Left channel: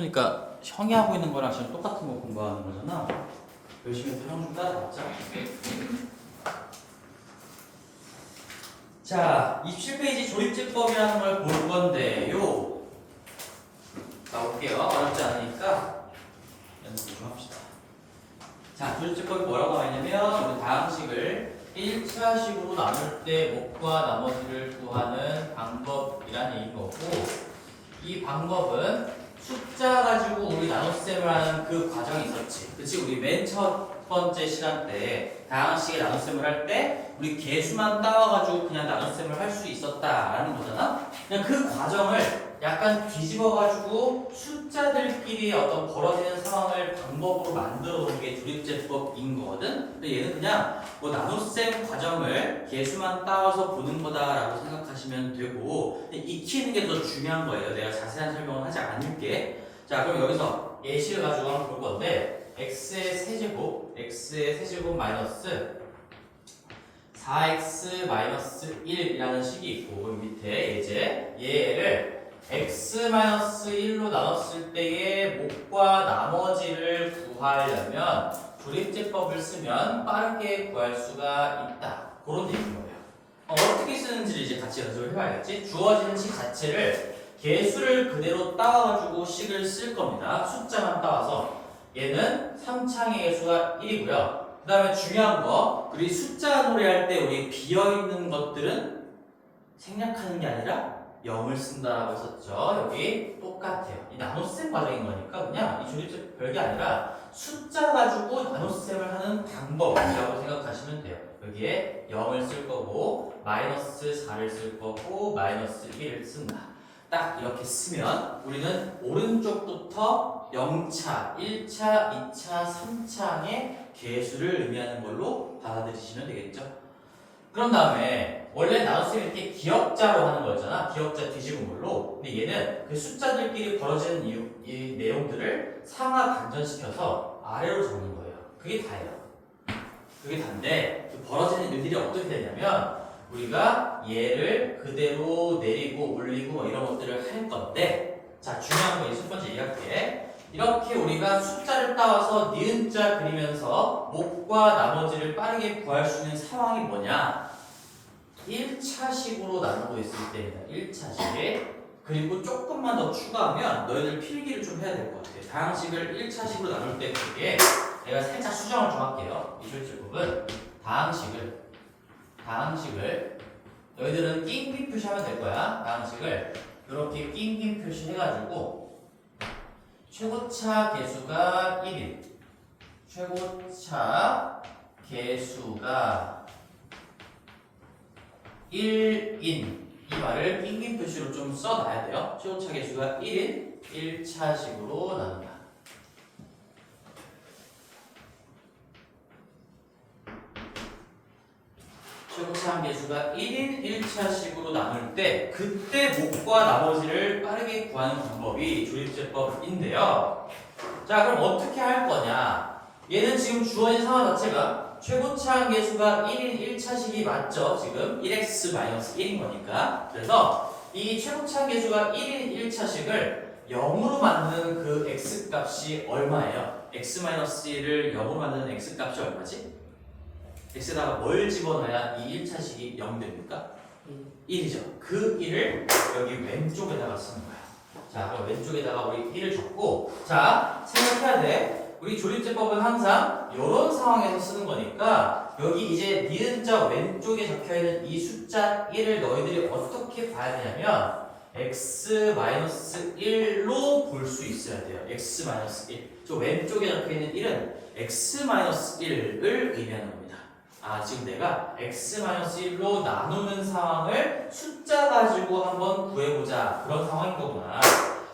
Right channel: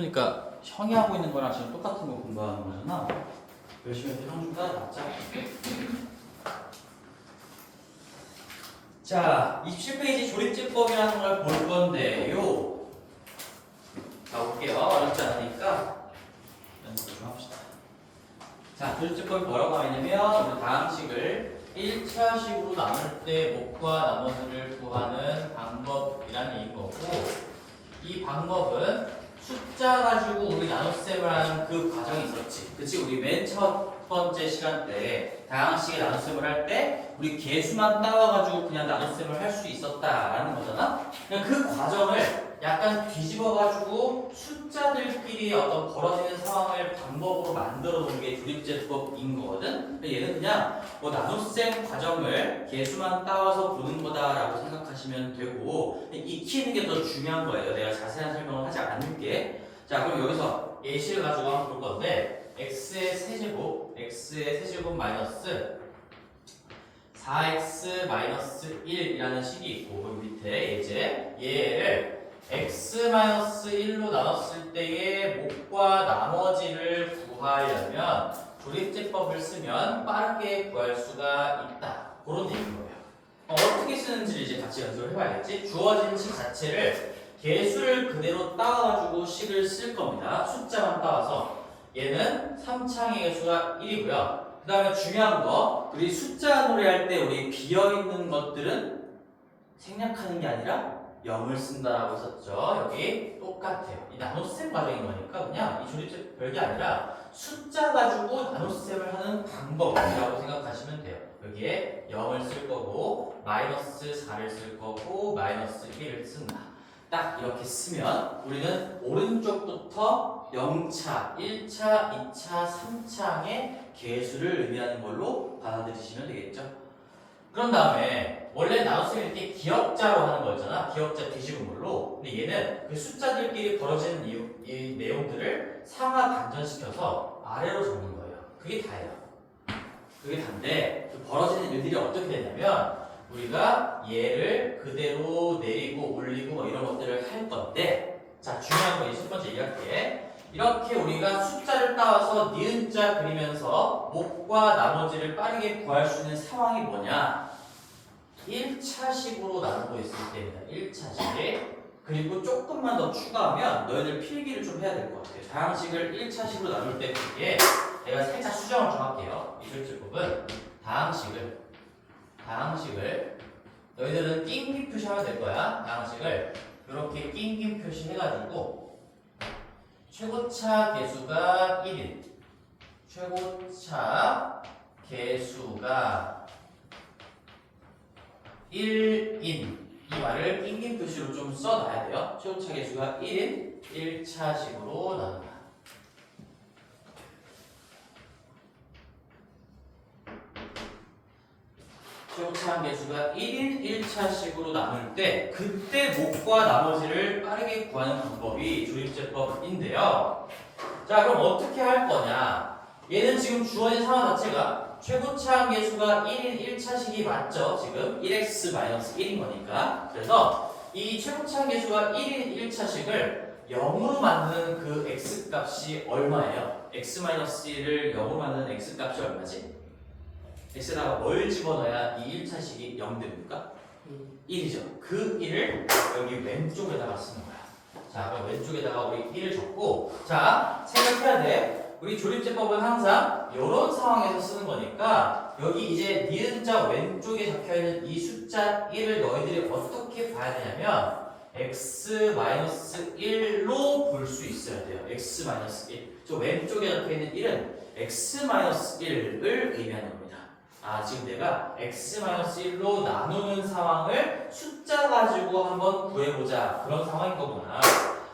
보니까 형이 하고 있는 거랑 지금 똑같은 거 공부하는 거잖아. 열심히 해서 형 좀 따라잡자. 자, 27페이지 조립제법이라는 걸 볼 건데요. 가볼게요. 어렵지 않으니까 연습 좀 합시다. 자, 조립제법이 뭐라고 하냐면 우리 다항식을 1차식으로 나눌 때 목과 나머지를 구하는 방법이라는 얘기인 거고, 이 방법은 숫자 가지고 우리 나눗셈을 하는 그 과정이 있었지. 그치? 우리 맨 첫 번째 시간 때 다항식의 나눗셈을 할 때 우리 개수만 따와가지고 그냥 나눗셈을 할 수 있었다라는 거잖아. 그냥 그 과정을 약간 뒤집어가지고 숫자들끼리 어떤 벌어지는 상황을 방법으로 만들어 놓은 게 조립제법인 거거든. 근데 얘는 그냥 뭐 나눗셈 과정을 개수만 따와서 보는 거다라고 생각하시면 되고, 익히는 게 더 중요한 거예요. 내가 자세한 설명을 하지 않을게. 자, 그럼 여기서 예시를 가지고 한번 볼 건데, x의 세제곱 마이너스 4x 마이너스 1이라는 식이 있고, 여기 밑에 이제 얘를 x 마이너스 1로 나눴을 때의 목과 나머지를 구하려면 조립제법을 쓰면 빠르게 구할 수가 있다. 그런 얘기인 거예요. 어떻게 쓰는지를 이제 같이 연습을 해봐야겠지. 주어진 식 자체를 개수를 그대로 따와가지고 식을 쓸 겁니다. 숫자만 따와서. 얘는 3창의 개수가 1이고요. 그 다음에 중요한 거, 우리 숫자 놀이할 때 우리 비어있는 것들은 생략하는 게 아니라 0을 쓴다라고 했었죠. 여기 똑같아요. 이 나눗셈 과정인 거니까 그냥 이 조립제 별게 아니라 숫자 가지고 나눗셈을 하는 방법이라고 생각하시면 돼요. 여기에 0을 쓸 거고 마이너스 4를 쓸 거고 마이너스 1을 쓴다. 딱 이렇게 쓰면 우리는 오른쪽부터 0차, 1차, 2차, 3차의 개수를 의미하는 걸로 받아들이시면 되겠죠. 그런 다음에 원래 나눗셈이 이렇게 기역자로 하는 거였잖아. 기역자 뒤집은 걸로. 근데 얘는 그 숫자들끼리 벌어지는 이 내용들을 상하 반전시켜서 아래로 적는 거예요. 그게 다예요. 그게 다인데 그 벌어지는 일들이 어떻게 되냐면 우리가 얘를 그대로 내리고 올리고 뭐 이런 것들을 할 건데, 자, 중요한 거 첫 번째 얘기할게. 이렇게 우리가 숫자를 따와서 니은자 그리면서 목과 나머지를 빠르게 구할 수 있는 상황이 뭐냐? 1차식으로 나누고 있을 때입니다. 1차식. 그리고 조금만 더 추가하면 너희들 필기를 좀 해야 될 것 같아. 다항식을 1차식으로 나눌 때 그게 내가 살짝 수정을 좀 할게요. 이 조립제법은 다항식을 너희들은 낑긴 표시하면 될 거야. 다항식을 이렇게 낑긴 표시 해가지고 최고차 개수가 1인, 최고차 개수가 1인 이 말을 낑긴 표시로 좀 써놔야 돼요. 최고차 개수가 1인 1차식으로 나눈다. 최고차 개수가 1인 1차식으로 나눌 때 그때 목과 나머지를 빠르게 구하는 방법이 조립제법인데요. 자, 그럼 어떻게 할 거냐? 얘는 지금 주어진 상황 자체가 최고차 개수가 1인 1차식이 맞죠? 지금 1x-1인 거니까. 그래서 이 최고차 개수가 1인 1차식을 0으로 만드는 그 x값이 얼마예요? x-1을 0으로 만드는 x값이 얼마지? x에다가 뭘 집어넣어야 이 1차식이 0 됩니까? 1이죠. 그 1을 여기 왼쪽에다가 쓰는 거야. 자, 그럼 왼쪽에다가 우리 1을 적고, 자, 생각해야 돼. 우리 조립제법은 항상 이런 상황에서 쓰는 거니까 여기 이제 니은자 왼쪽에 적혀있는 이 숫자 1을 너희들이 어떻게 봐야 되냐면 x-1로 볼 수 있어야 돼요. x-1. 저 왼쪽에 적혀있는 1은 x-1을 의미하는 겁니다. 아, 지금 내가 x-1로 나누는 상황을 숫자 가지고 한번 구해보자. 그런 상황인 거구나.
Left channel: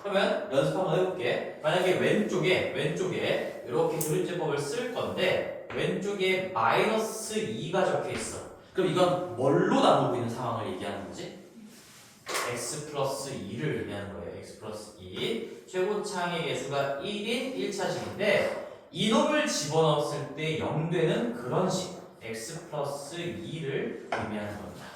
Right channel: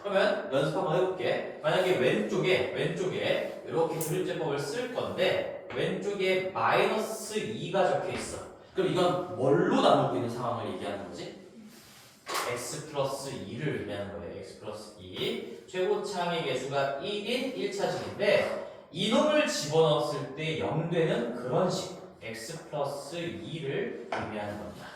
그러면 연습 한번 해볼게. 만약에 왼쪽에 이렇게 조립제법을 쓸 건데 왼쪽에 마이너스 2가 적혀 있어. 그럼 이건 뭘로 나누고 있는 상황을 얘기하는 거지? x 플러스 2를 의미하는 거예요. x 플러스 2. 최고차의 개수가 1인 1차식인데 이놈을 집어넣었을 때 0 되는 그런 식. x 플러스 2를 의미하는 겁니다.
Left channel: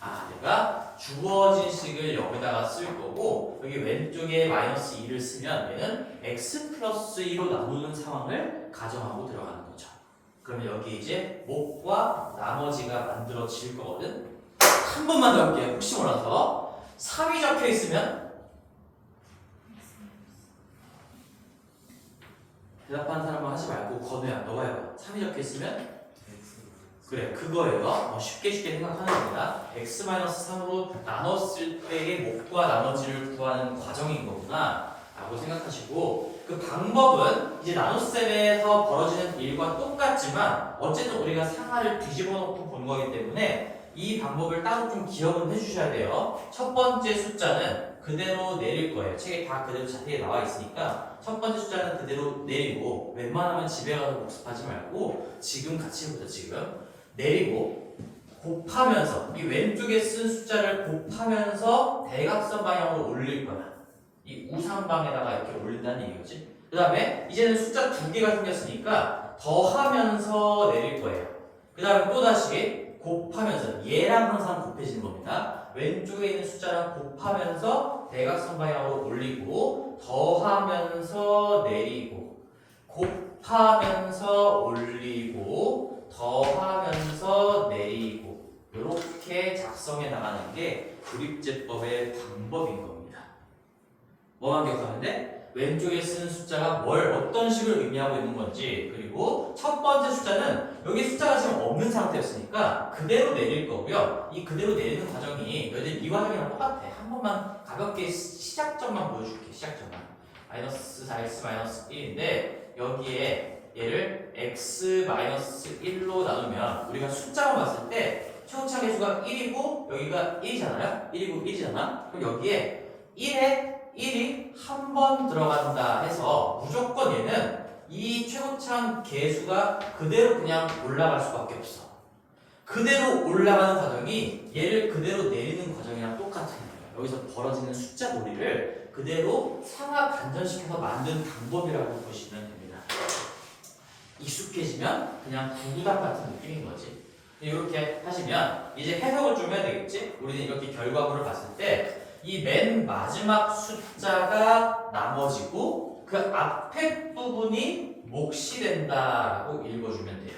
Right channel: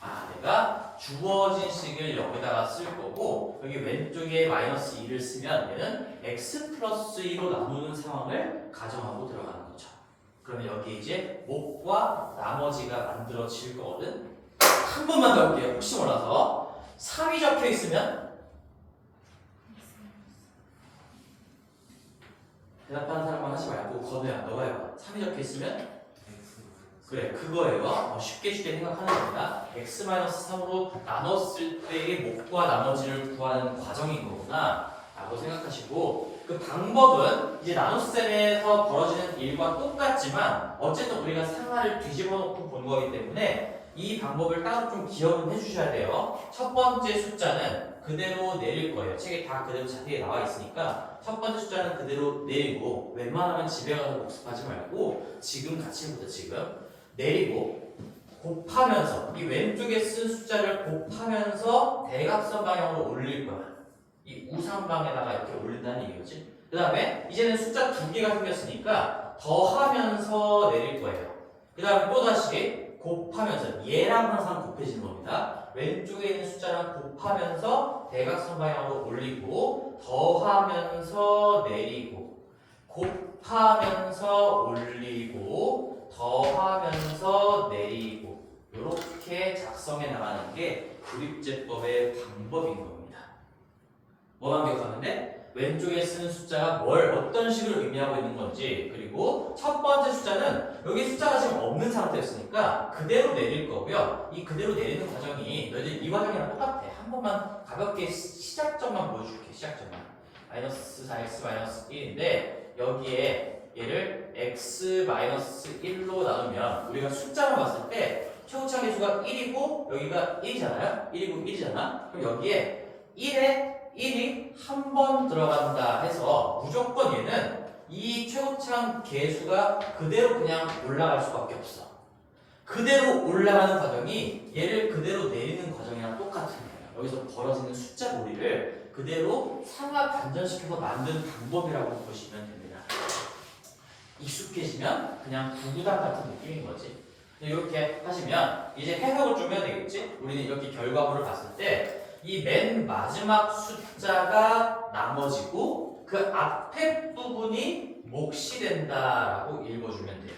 아, 내가 주어진 식을 여기다가 쓸 거고 여기 왼쪽에 마이너스 2를 쓰면 얘는 x 플러스 2로 나누는 상황을 가정하고 들어가는 거죠. 그러면 여기 이제 목과 나머지가 만들어질 거거든. 한 번만 더 할게요. 혹시 몰라서 3이 적혀 있으면 대답하는 사람만 하지 말고 건우야 너가 해봐. 3이 적혀 있으면 그래 그거예요. 쉽게 생각하는 겁니다. x-3으로 나눴을 때의 목과 나머지를 구하는 과정인 거구나 라고 생각하시고 그 방법은 이제 나눗셈에서 벌어지는 일과 똑같지만 어쨌든 우리가 상하를 뒤집어 놓고 본 거기 때문에 이 방법을 따로 좀 기억은 해주셔야 돼요. 첫 번째 숫자는 그대로 내릴 거예요. 책에 다 그대로 자세히 나와 있으니까 첫 번째 숫자는 그대로 내리고 웬만하면 집에 가서 복습하지 말고 지금 같이 해보자. 지금 내리고 곱하면서 이 왼쪽에 쓴 숫자를 곱하면서 대각선 방향으로 올릴 거야. 이 우상방에다가 이렇게 올린다는 얘기겠지. 그 다음에 이제는 숫자 두 개가 생겼으니까 더하면서 내릴 거예요. 그 다음에 또다시 곱하면서 얘랑 항상 곱해지는 겁니다. 왼쪽에 있는 숫자랑 곱하면서 대각선 방향으로 올리고 더하면서 내리고 곱하면서 올리고 더하면서 내리고 이렇게 작성해 나가는 게 그립제법의 방법인 겁니다. 뭐만 기억하면 돼? 왼쪽에 쓰는 숫자가 뭘 어떤 식으로 의미하고 있는 건지 그리고 첫 번째 숫자는 여기 숫자가 지금 없는 상태였으니까 그대로 내릴 거고요. 이 그대로 내리는 과정이 너희들 이 과정이랑 똑같아. 한 번만 가볍게 시작점만 보여줄게. 시작점만 마이너스 4x 마이너스 1인데 여기에 얘를 x-1로 나누면 우리가 숫자로 봤을 때 최고차 계수가 1이고 여기가 1이잖아요. 1이고 1이잖아. 그럼 여기에 1에 1이 한 번 들어간다 해서 무조건 얘는 이 최고차 계수가 그대로 그냥 올라갈 수밖에 없어. 그대로 올라가는 과정이 얘를 그대로 내리는 과정이랑 똑같은 거예요. 여기서 벌어지는 숫자 놀이를 그대로 상하 반전시켜서 만든 방법이라고 보시면 됩니다. 익숙해지면 그냥 구구단 같은 느낌인 거지. 이렇게 하시면 이제 해석을 좀 해야 되겠지? 우리는 이렇게 결과물을 봤을 때 이 맨 마지막 숫자가 나머지고 그 앞에 부분이 몫이 된다라고 읽어주면 돼요.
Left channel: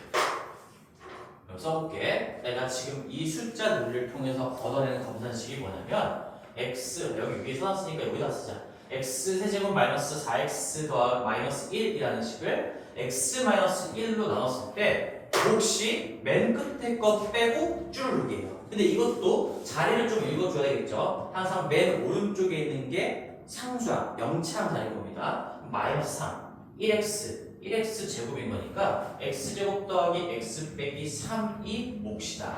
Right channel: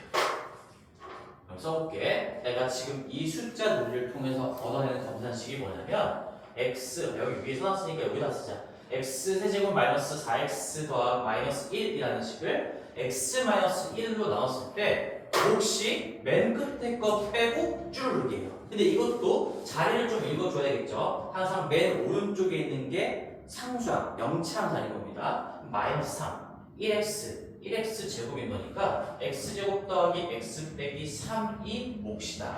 그럼 써볼게. 내가 지금 이 숫자 논리를 통해서 얻어내는 검산식이 뭐냐면 x 여기 위에 써놨으니까 여기다 쓰자. x 세제곱 마이너스 4x 더하기 마이너스 1이라는 식을 x-1로 나눴을 때 몫이 맨 끝에 거 빼고 쭈르륵이에요. 근데 이것도 자리를 좀 읽어줘야 되겠죠. 항상 맨 오른쪽에 있는 게 상수항, 명치항 자리인 겁니다. 마이너스 3, 1x 제곱인 거니까 x제곱 더하기 x 빼기 3이 몫이다.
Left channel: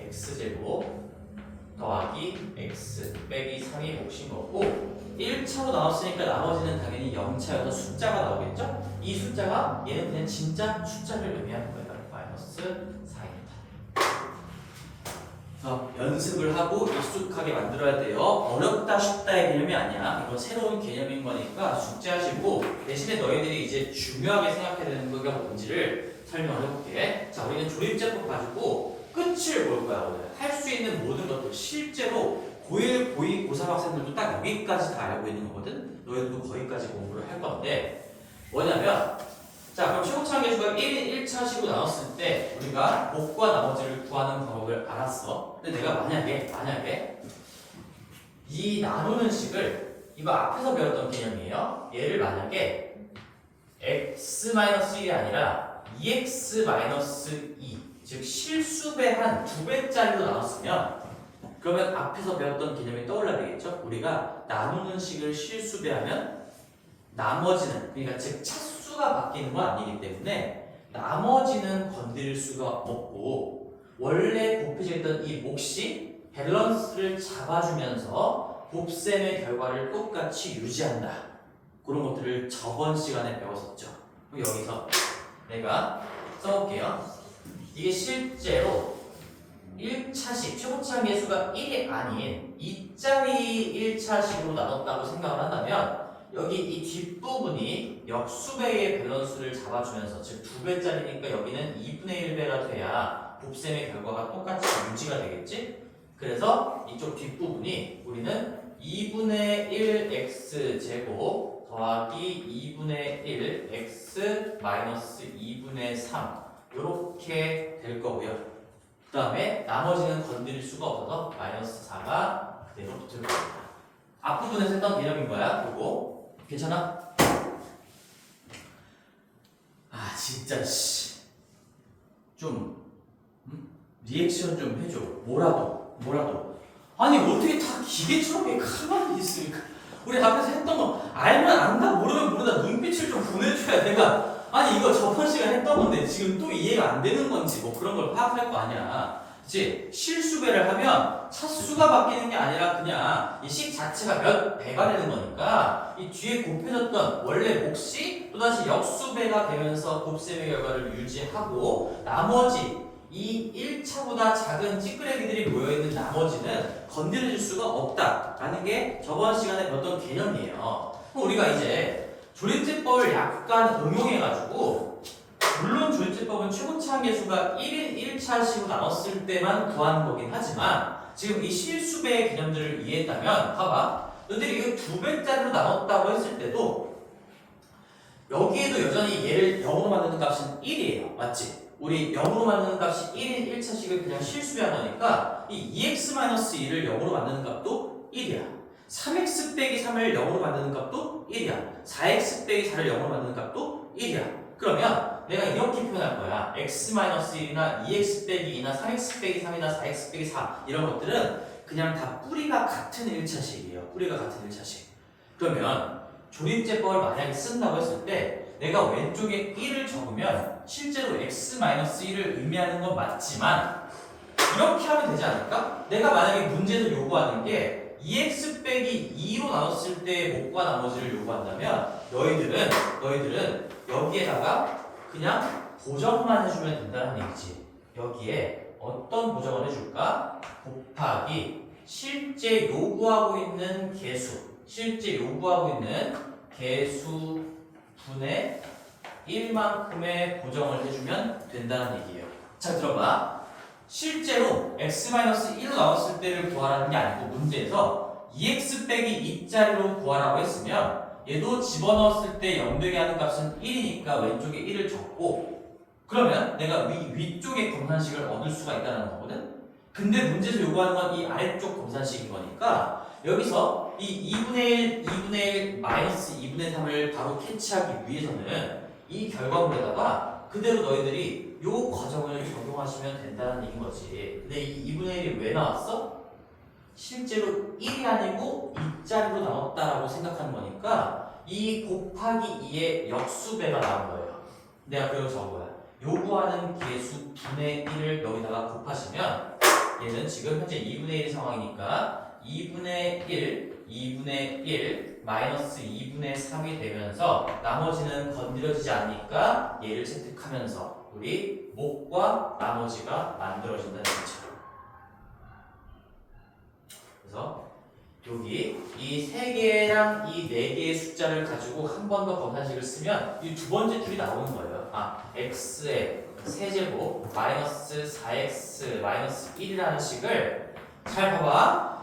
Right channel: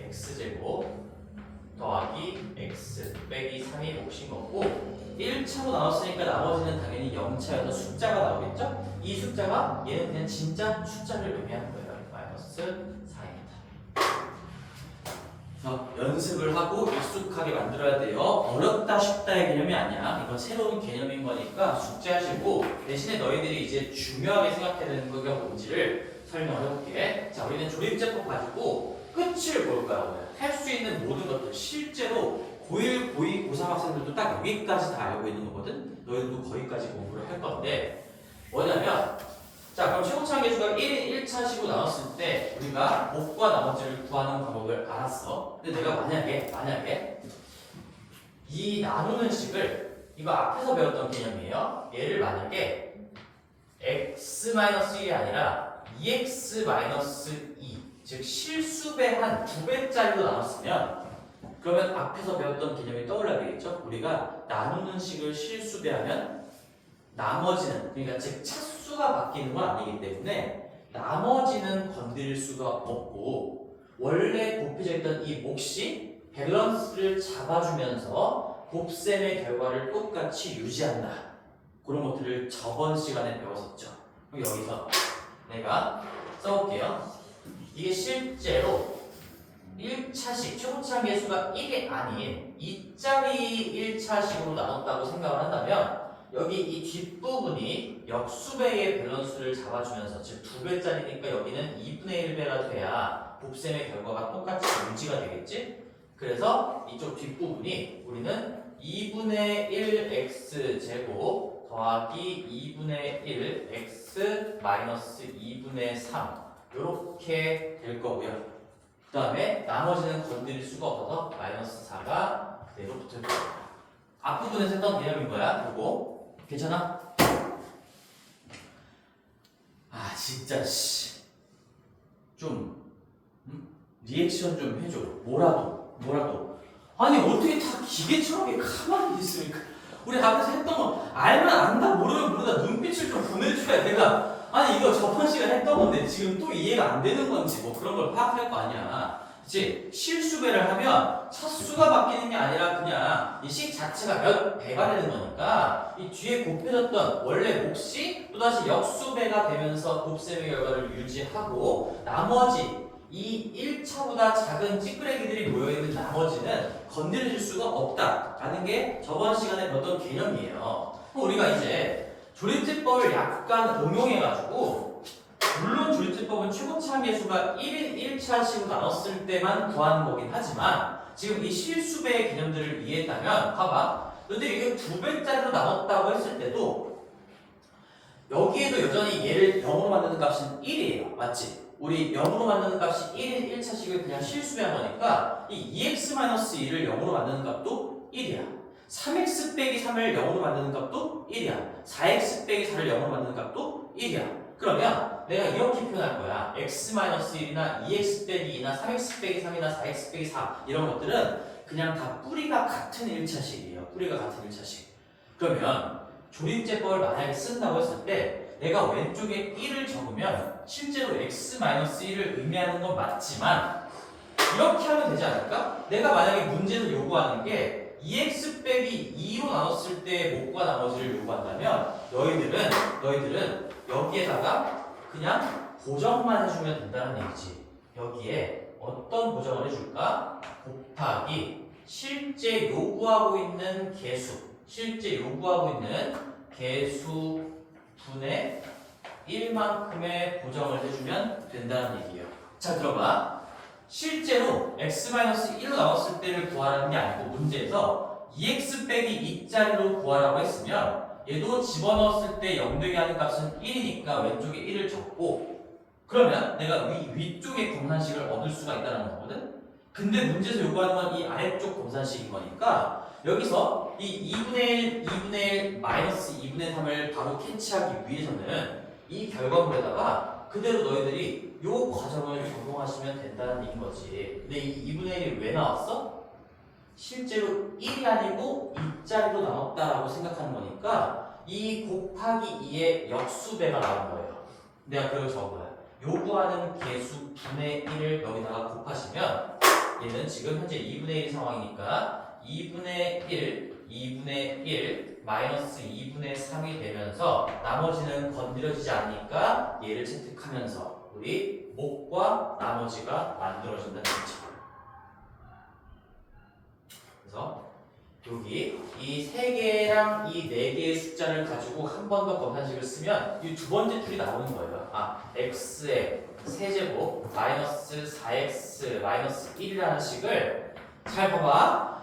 x제곱 더하기 x 빼기 3이 몫인 거고 1차로 나눴으니까 나머지는 당연히 0차여서 숫자가 나오겠죠? 이 숫자가 얘는 그냥 진짜 숫자를 의미하는 거예요. 마이너스 4입니다. 그래서 연습을 하고 익숙하게 만들어야 돼요. 어렵다 쉽다의 개념이 아니야. 이건 새로운 개념인 거니까 숙제하시고 대신에 너희들이 이제 중요하게 생각해야 되는 게 뭔지를 설명을 해볼게. 자, 우리는 조립제법 가지고 끝을 볼 거야. 오늘 할 수 있는 모든 것들 실제로 고1, 고2, 고3 학생들도 딱 여기까지 다 알고 있는 거거든. 너희들도 거기까지 공부를 할 건데 뭐냐면 자 그럼 최고차 계수가 1인 1차식으로 나눴을 때 우리가 몫과 나머지를 구하는 방법을 알았어. 근데 내가 만약에 이 나누는 식을 이거 앞에서 배웠던 개념이에요. 얘를 만약에 x-1이 아니라 2x-2 즉 실수배 한 2배짜리로 나눴으면 그러면 앞에서 배웠던 개념이 떠올라야 되겠죠? 우리가 나누는 식을 실수배하면 나머지는 그러니까 즉 차수가 바뀌는 건 아니기 때문에 나머지는 건드릴 수가 없고 원래 곱해져 있던 이 몫이 밸런스를 잡아주면서 곱셈의 결과를 똑같이 유지한다. 그런 것들을 저번 시간에 배웠었죠. 그럼 여기서 내가 써볼게요. 이게 실제로 1차식, 최고차 계수가 1이 아닌 2짜리 1차식으로 나눴다고 생각을 한다면 여기 이 뒷부분이 역수배의 밸런스를 잡아주면서 즉 2배짜리니까 여기는 2분의 1배가 돼야 곱셈의 결과가 똑같이 유지가 되겠지? 그래서 이쪽 뒷부분이 우리는 2분의 1 x제곱 더하기 2분의 1 x 마이너스 2분의 3 이렇게 될 거고요. 그 다음에 나머지는 건드릴 수가 없어서 마이너스 4가 그대로 붙을 겁니다. 앞부분에서 했던 개념인 거야. 요거 괜찮아? 아 진짜 좀 리액션 좀 해줘. 뭐라도. 아니 어떻게 다 기계처럼 가만히 있으니까 우리 앞에서 했던 거 알면 안다 모르면 모르다 눈빛을 좀 보내줘야 내가 아니 이거 저번 시간 했던 건데 지금 또 이해가 안 되는 건지 뭐 그런 걸 파악할 거 아니야. 이제 실수배를 하면 차수가 바뀌는 게 아니라 그냥 이 식 자체가 몇 배가 되는 거니까 이 뒤에 곱해졌던 원래 몫이 또다시 역수배가 되면서 곱셈의 결과를 유지하고 나머지 이 1차보다 작은 찌끄레기들이 모여있는 나머지는 건드려줄 수가 없다라는 게 저번 시간에 배웠던 개념이에요. 그럼 우리가 이제 조립제법을 약간 응용해가지고 물론 조립제법은 최고치 한계수가 1인 1차식으로 나눴을 때만 구하는 거긴 하지만 지금 이 실수배의 개념들을 이해했다면 봐봐. 너희들이 이거 2배짜리로 나눴다고 했을 때도 여기에도 여전히 얘를 0으로 만드는 값은 1이에요. 맞지? 우리 0으로 만드는 값이 1인 1차식을 그냥 실수배한 거니까 이 2x-1을 0으로 만드는 값도 1이야. 3x 빼기 3을 0으로 만드는 값도 1이야. 4x 빼기 4를 0으로 만드는 값도 1이야. 그러면 내가 이렇게 표현할 거야. x-1이나 2x 빼기 2나 3x 빼기 3이나 4x 빼기 4 이런 것들은 그냥 다 뿌리가 같은 1차식이에요. 뿌리가 같은 1차식. 그러면 조립제법을 만약에 쓴다고 했을 때 내가 왼쪽에 1을 적으면 실제로 x-1을 의미하는 건 맞지만 이렇게 하면 되지 않을까? 내가 만약에 문제에서 요구하는 게 2x 빼기 2로 나눴을 때의 몫과 나머지를 요구한다면 너희들은 여기에다가 그냥 보정만 해주면 된다는 얘기지. 여기에 어떤 보정을 해줄까? 곱하기 실제 요구하고 있는 개수 분의 1만큼의 보정을 해주면 된다는 얘기예요. 자 들어봐. 실제로 x-1로 나왔을 때를 구하라는 게 아니고 문제에서 2x 빼기 2짜리로 구하라고 했으면 얘도 집어넣었을 때 0되게 하는 값은 1이니까 왼쪽에 1을 적고 그러면 내가 위쪽에 검산식을 얻을 수가 있다는 거거든. 근데 문제에서 요구하는 건 이 아래쪽 검산식인 거니까 여기서 이 2분의 1 마이너스 2분의 3을 바로 캐치하기 위해서는 이 결과물에다가 그대로 너희들이 요 과정을 적용하시면 된다는 얘기인 거지. 근데 이 2분의 1이 왜 나왔어? 실제로 1이 아니고 2짜리로 나왔다라고 생각하는 거니까 이 곱하기 2의 역수배가 나온 거예요. 내가 그걸 적은 거야. 요구하는 개수 분의 1을 여기다가 곱하시면 얘는 지금 현재 2분의 1 상황이니까 2분의 1 마이너스 2분의 3이 되면서 나머지는 건드려지지 않으니까 얘를 채택하면서 우리 몫과 나머지가 만들어진다는 거죠. 그래서 여기 이 3개랑 이 4개의 숫자를 가지고 한 번 더 검산식을 쓰면 이 두 번째 줄이 나오는 거예요. x의 세제곱 마이너스 4x 마이너스 1이라는 식을 잘 봐봐.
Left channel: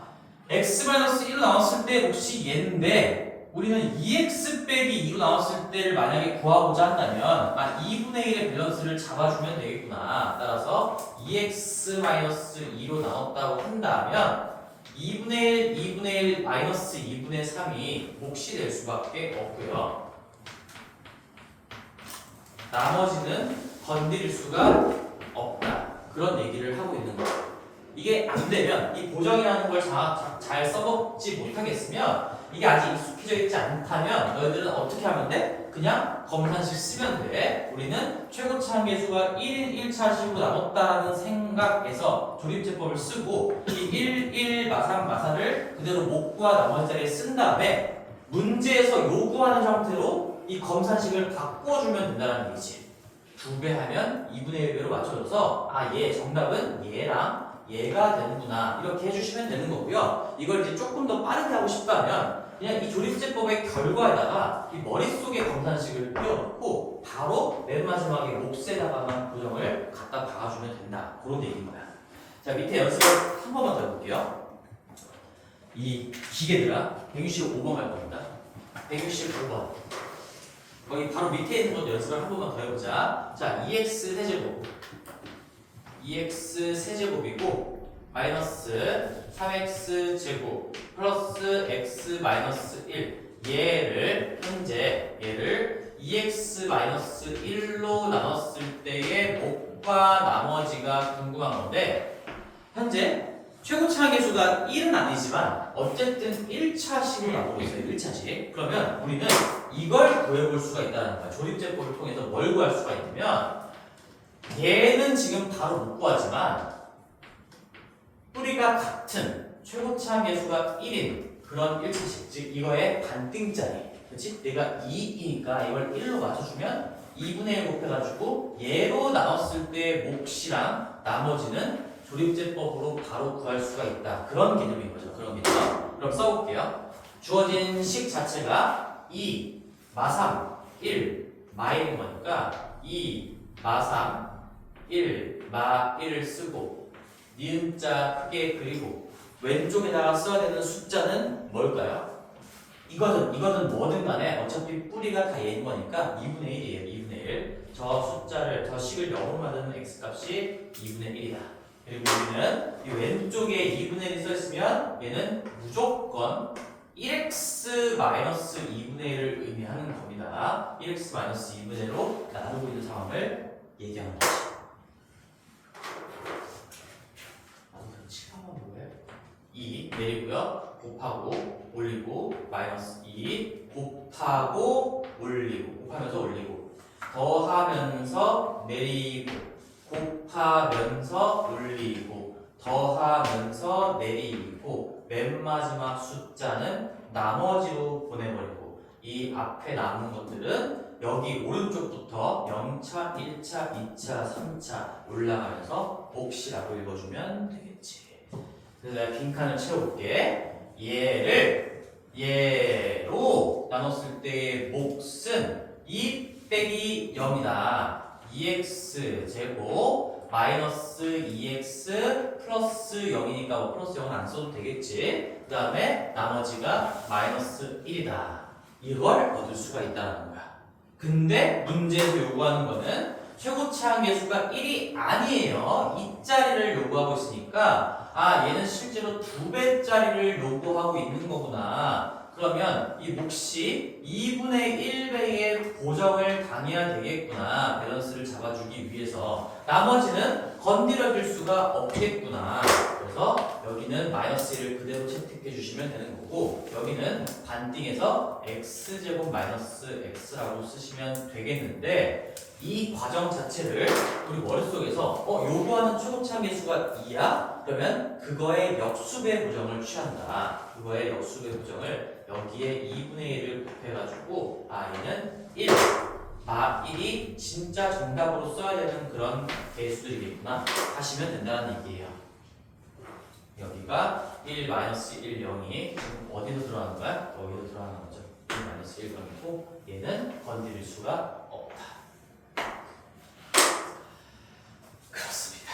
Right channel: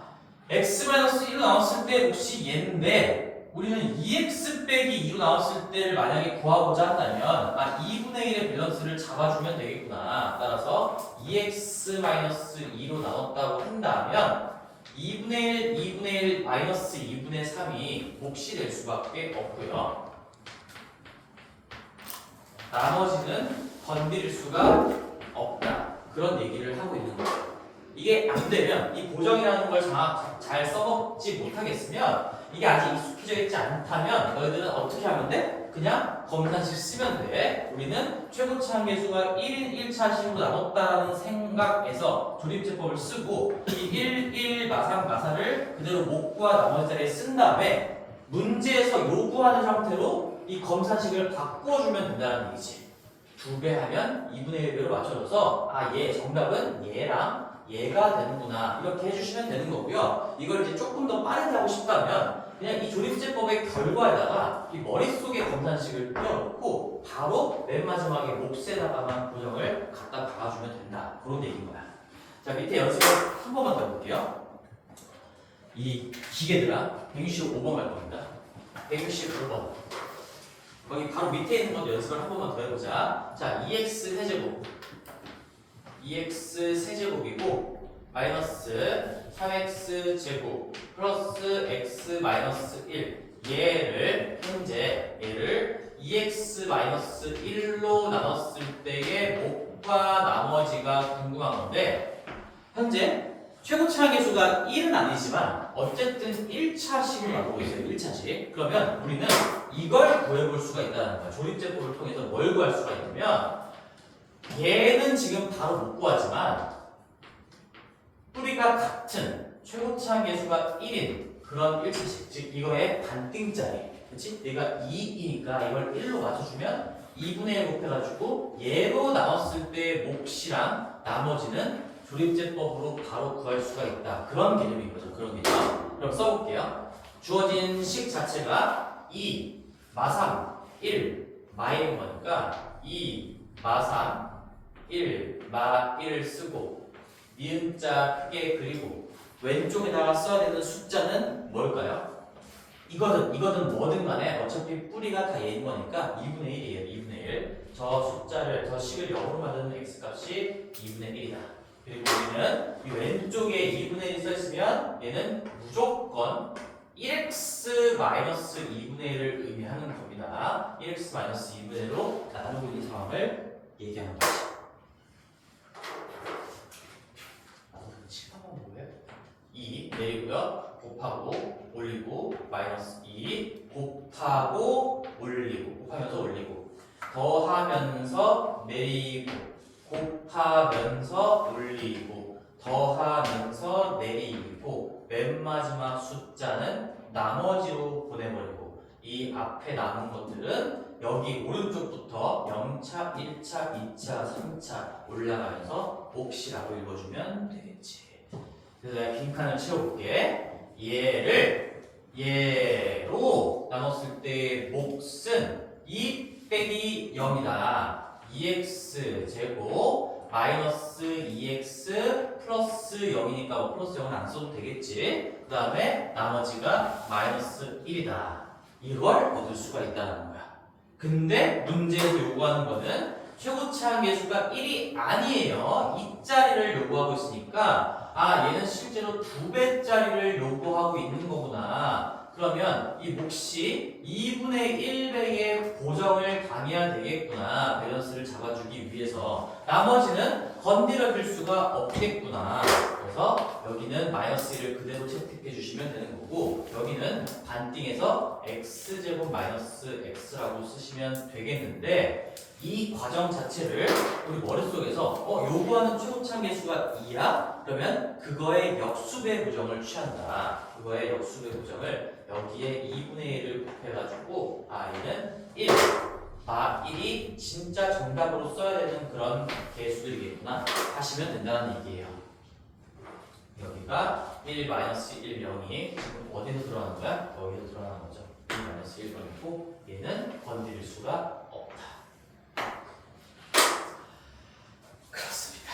x-1로 나왔을 때 혹시 얘인데 우리는 2x 빼기 2로 나왔을 때를 만약에 구하고자 한다면 2분의 1의 밸런스를 잡아주면 되겠구나. 따라서 2x-2로 나눴다고 한다면 2분의 1 마이너스 2분의 3이 몫이 될 수밖에 없고요. 나머지는 건드릴 수가 없다. 그런 얘기를 하고 있는 거예요. 이게 안 되면 이 보정이라는 걸 잘 써먹지 못하겠으면 이게 아직 익숙해져 있지 않다면 너희들은 어떻게 하면 돼? 그냥 검산식 쓰면 돼. 우리는 최고치 한계수가 1인 1차식으로 나눴다라는 생각에서 조립제법을 쓰고 이 1 마사를 그대로 몫과 나머지 자리에 쓴 다음에 문제에서 요구하는 형태로 이 검산식을 바꿔주면 된다는 얘기지. 2배 하면 2분의 1배로 맞춰줘서 얘 정답은 얘랑 얘가 되는구나 이렇게 해주시면 되는 거고요. 이걸 이제 조금 더 빠르게 하고 싶다면 그냥 이 조립제법의 결과에다가 이 머릿속에 검산식을 띄워놓고 바로 맨 마지막에 몫에다가만 고정을 갖다 박아주면 된다. 그런 얘기인 거야. 자, 밑에 연습을 한 번만 더 해볼게요. 이 기계들아, 165번 할 겁니다. 165번. 거기 바로 밑에 있는 것 연습을 한 번만 더 해보자. 자, 2x 세제곱. 2x 세제곱이고, 마이너스 3x 제곱, 플러스 x 마이너스 1. 현재 얘를 2x-1로 나눴을 때의 몫과 나머지가 궁금한 건데, 현재 최고차항 계수가 1은 아니지만 어쨌든 1차식으로 나오고 있어요. 1차식. 그러면 우리는 이걸 구해볼 수가 있다는 거야. 조립제법을 통해서 뭘 구할 수가 있냐면, 얘는 지금 바로 못 구하지만 뿌리가 같은 최고차항 계수가 1인 그런 1차식, 즉 이거의 반등짜리, 그렇지? 얘가 2이니까 이걸 1로 맞춰주면 2분의 1 곱해가지고 얘로 나눴을 때의 몫이랑 나머지는 조립제법으로 바로 구할 수가 있다. 그런 개념인 거죠. 그런 개념. 그럼 써볼게요. 주어진 식 자체가 2, 마3, 1, 마인 거니까 2, 마3, 1, 마1을 쓰고 니은자 크게 그리고 왼쪽에다가 써야 되는 숫자는 뭘까요? 이거든 뭐든 간에 어차피 뿌리가 다 얘인 거니까 2분의 1이에요. 2분의 1. 저 식을 0으로 만드는 x값이 2분의 1이다. 그리고 우리는 이 왼쪽에 2분의 1이 써있으면 얘는 무조건 1x-2분의 1을 의미하는 겁니다. 1x-2분의 1로 나누고 있는 상황을 얘기하는 거지. 뭐예요? 2 내리고요. 곱하고 올리고 마이너스 2 곱하고 올리고 곱하면서 올리고 더하면서 내리고 곱하면서 올리고 더하면서 내리고 맨 마지막 숫자는 나머지로 보내버리고 이 앞에 남은 것들은 여기 오른쪽부터 0차, 1차, 2차, 3차 올라가면서 몫이라고 읽어주면 되겠지. 그래서 내가 빈칸을 채워볼게. 얘로 나눴을 때의 몫은 2 빼기 0이다. 2x 제곱 마이너스 2x 플러스 0이니까 뭐 플러스 0은 안 써도 되겠지. 그 다음에 나머지가 마이너스 1이다. 이걸 얻을 수가 있다는 거야. 근데 문제에서 요구하는 거는 최고차항 계수가 1이 아니에요. 2짜리를 요구하고 있으니까 얘는 실제로 2배짜리를 요구하고 있는 거구나. 그러면 이 몫이 2분의 1배의 고정을 당해야 되겠구나. 밸런스를 잡아주기 위해서. 나머지는 건드려줄 수가 없겠구나. 그래서 여기는 마이너스 1을 그대로 채택해 주시면 되는 거고, 여기는 반띵해서 x제곱 마이너스 x라고 쓰시면 되겠는데, 이 과정 자체를 우리 머릿속에서 요구하는 최고차항 계수가 2야? 그러면 그거의 역수배 부정을 취한다. 그거의 역수배 부정을 여기에 2분의 1을 곱해가지고 얘는 1, 마 1이 진짜 정답으로 써야 되는 그런 개수들이겠구나 하시면 된다는 얘기예요. 여기가 1, 마이너스 1, 0이 지금 어디서 들어가는 거야? 여기서 들어가는 거죠. 1, 마이너스 1, 0이고 얘는 건드릴 수가 없다. 그렇습니다.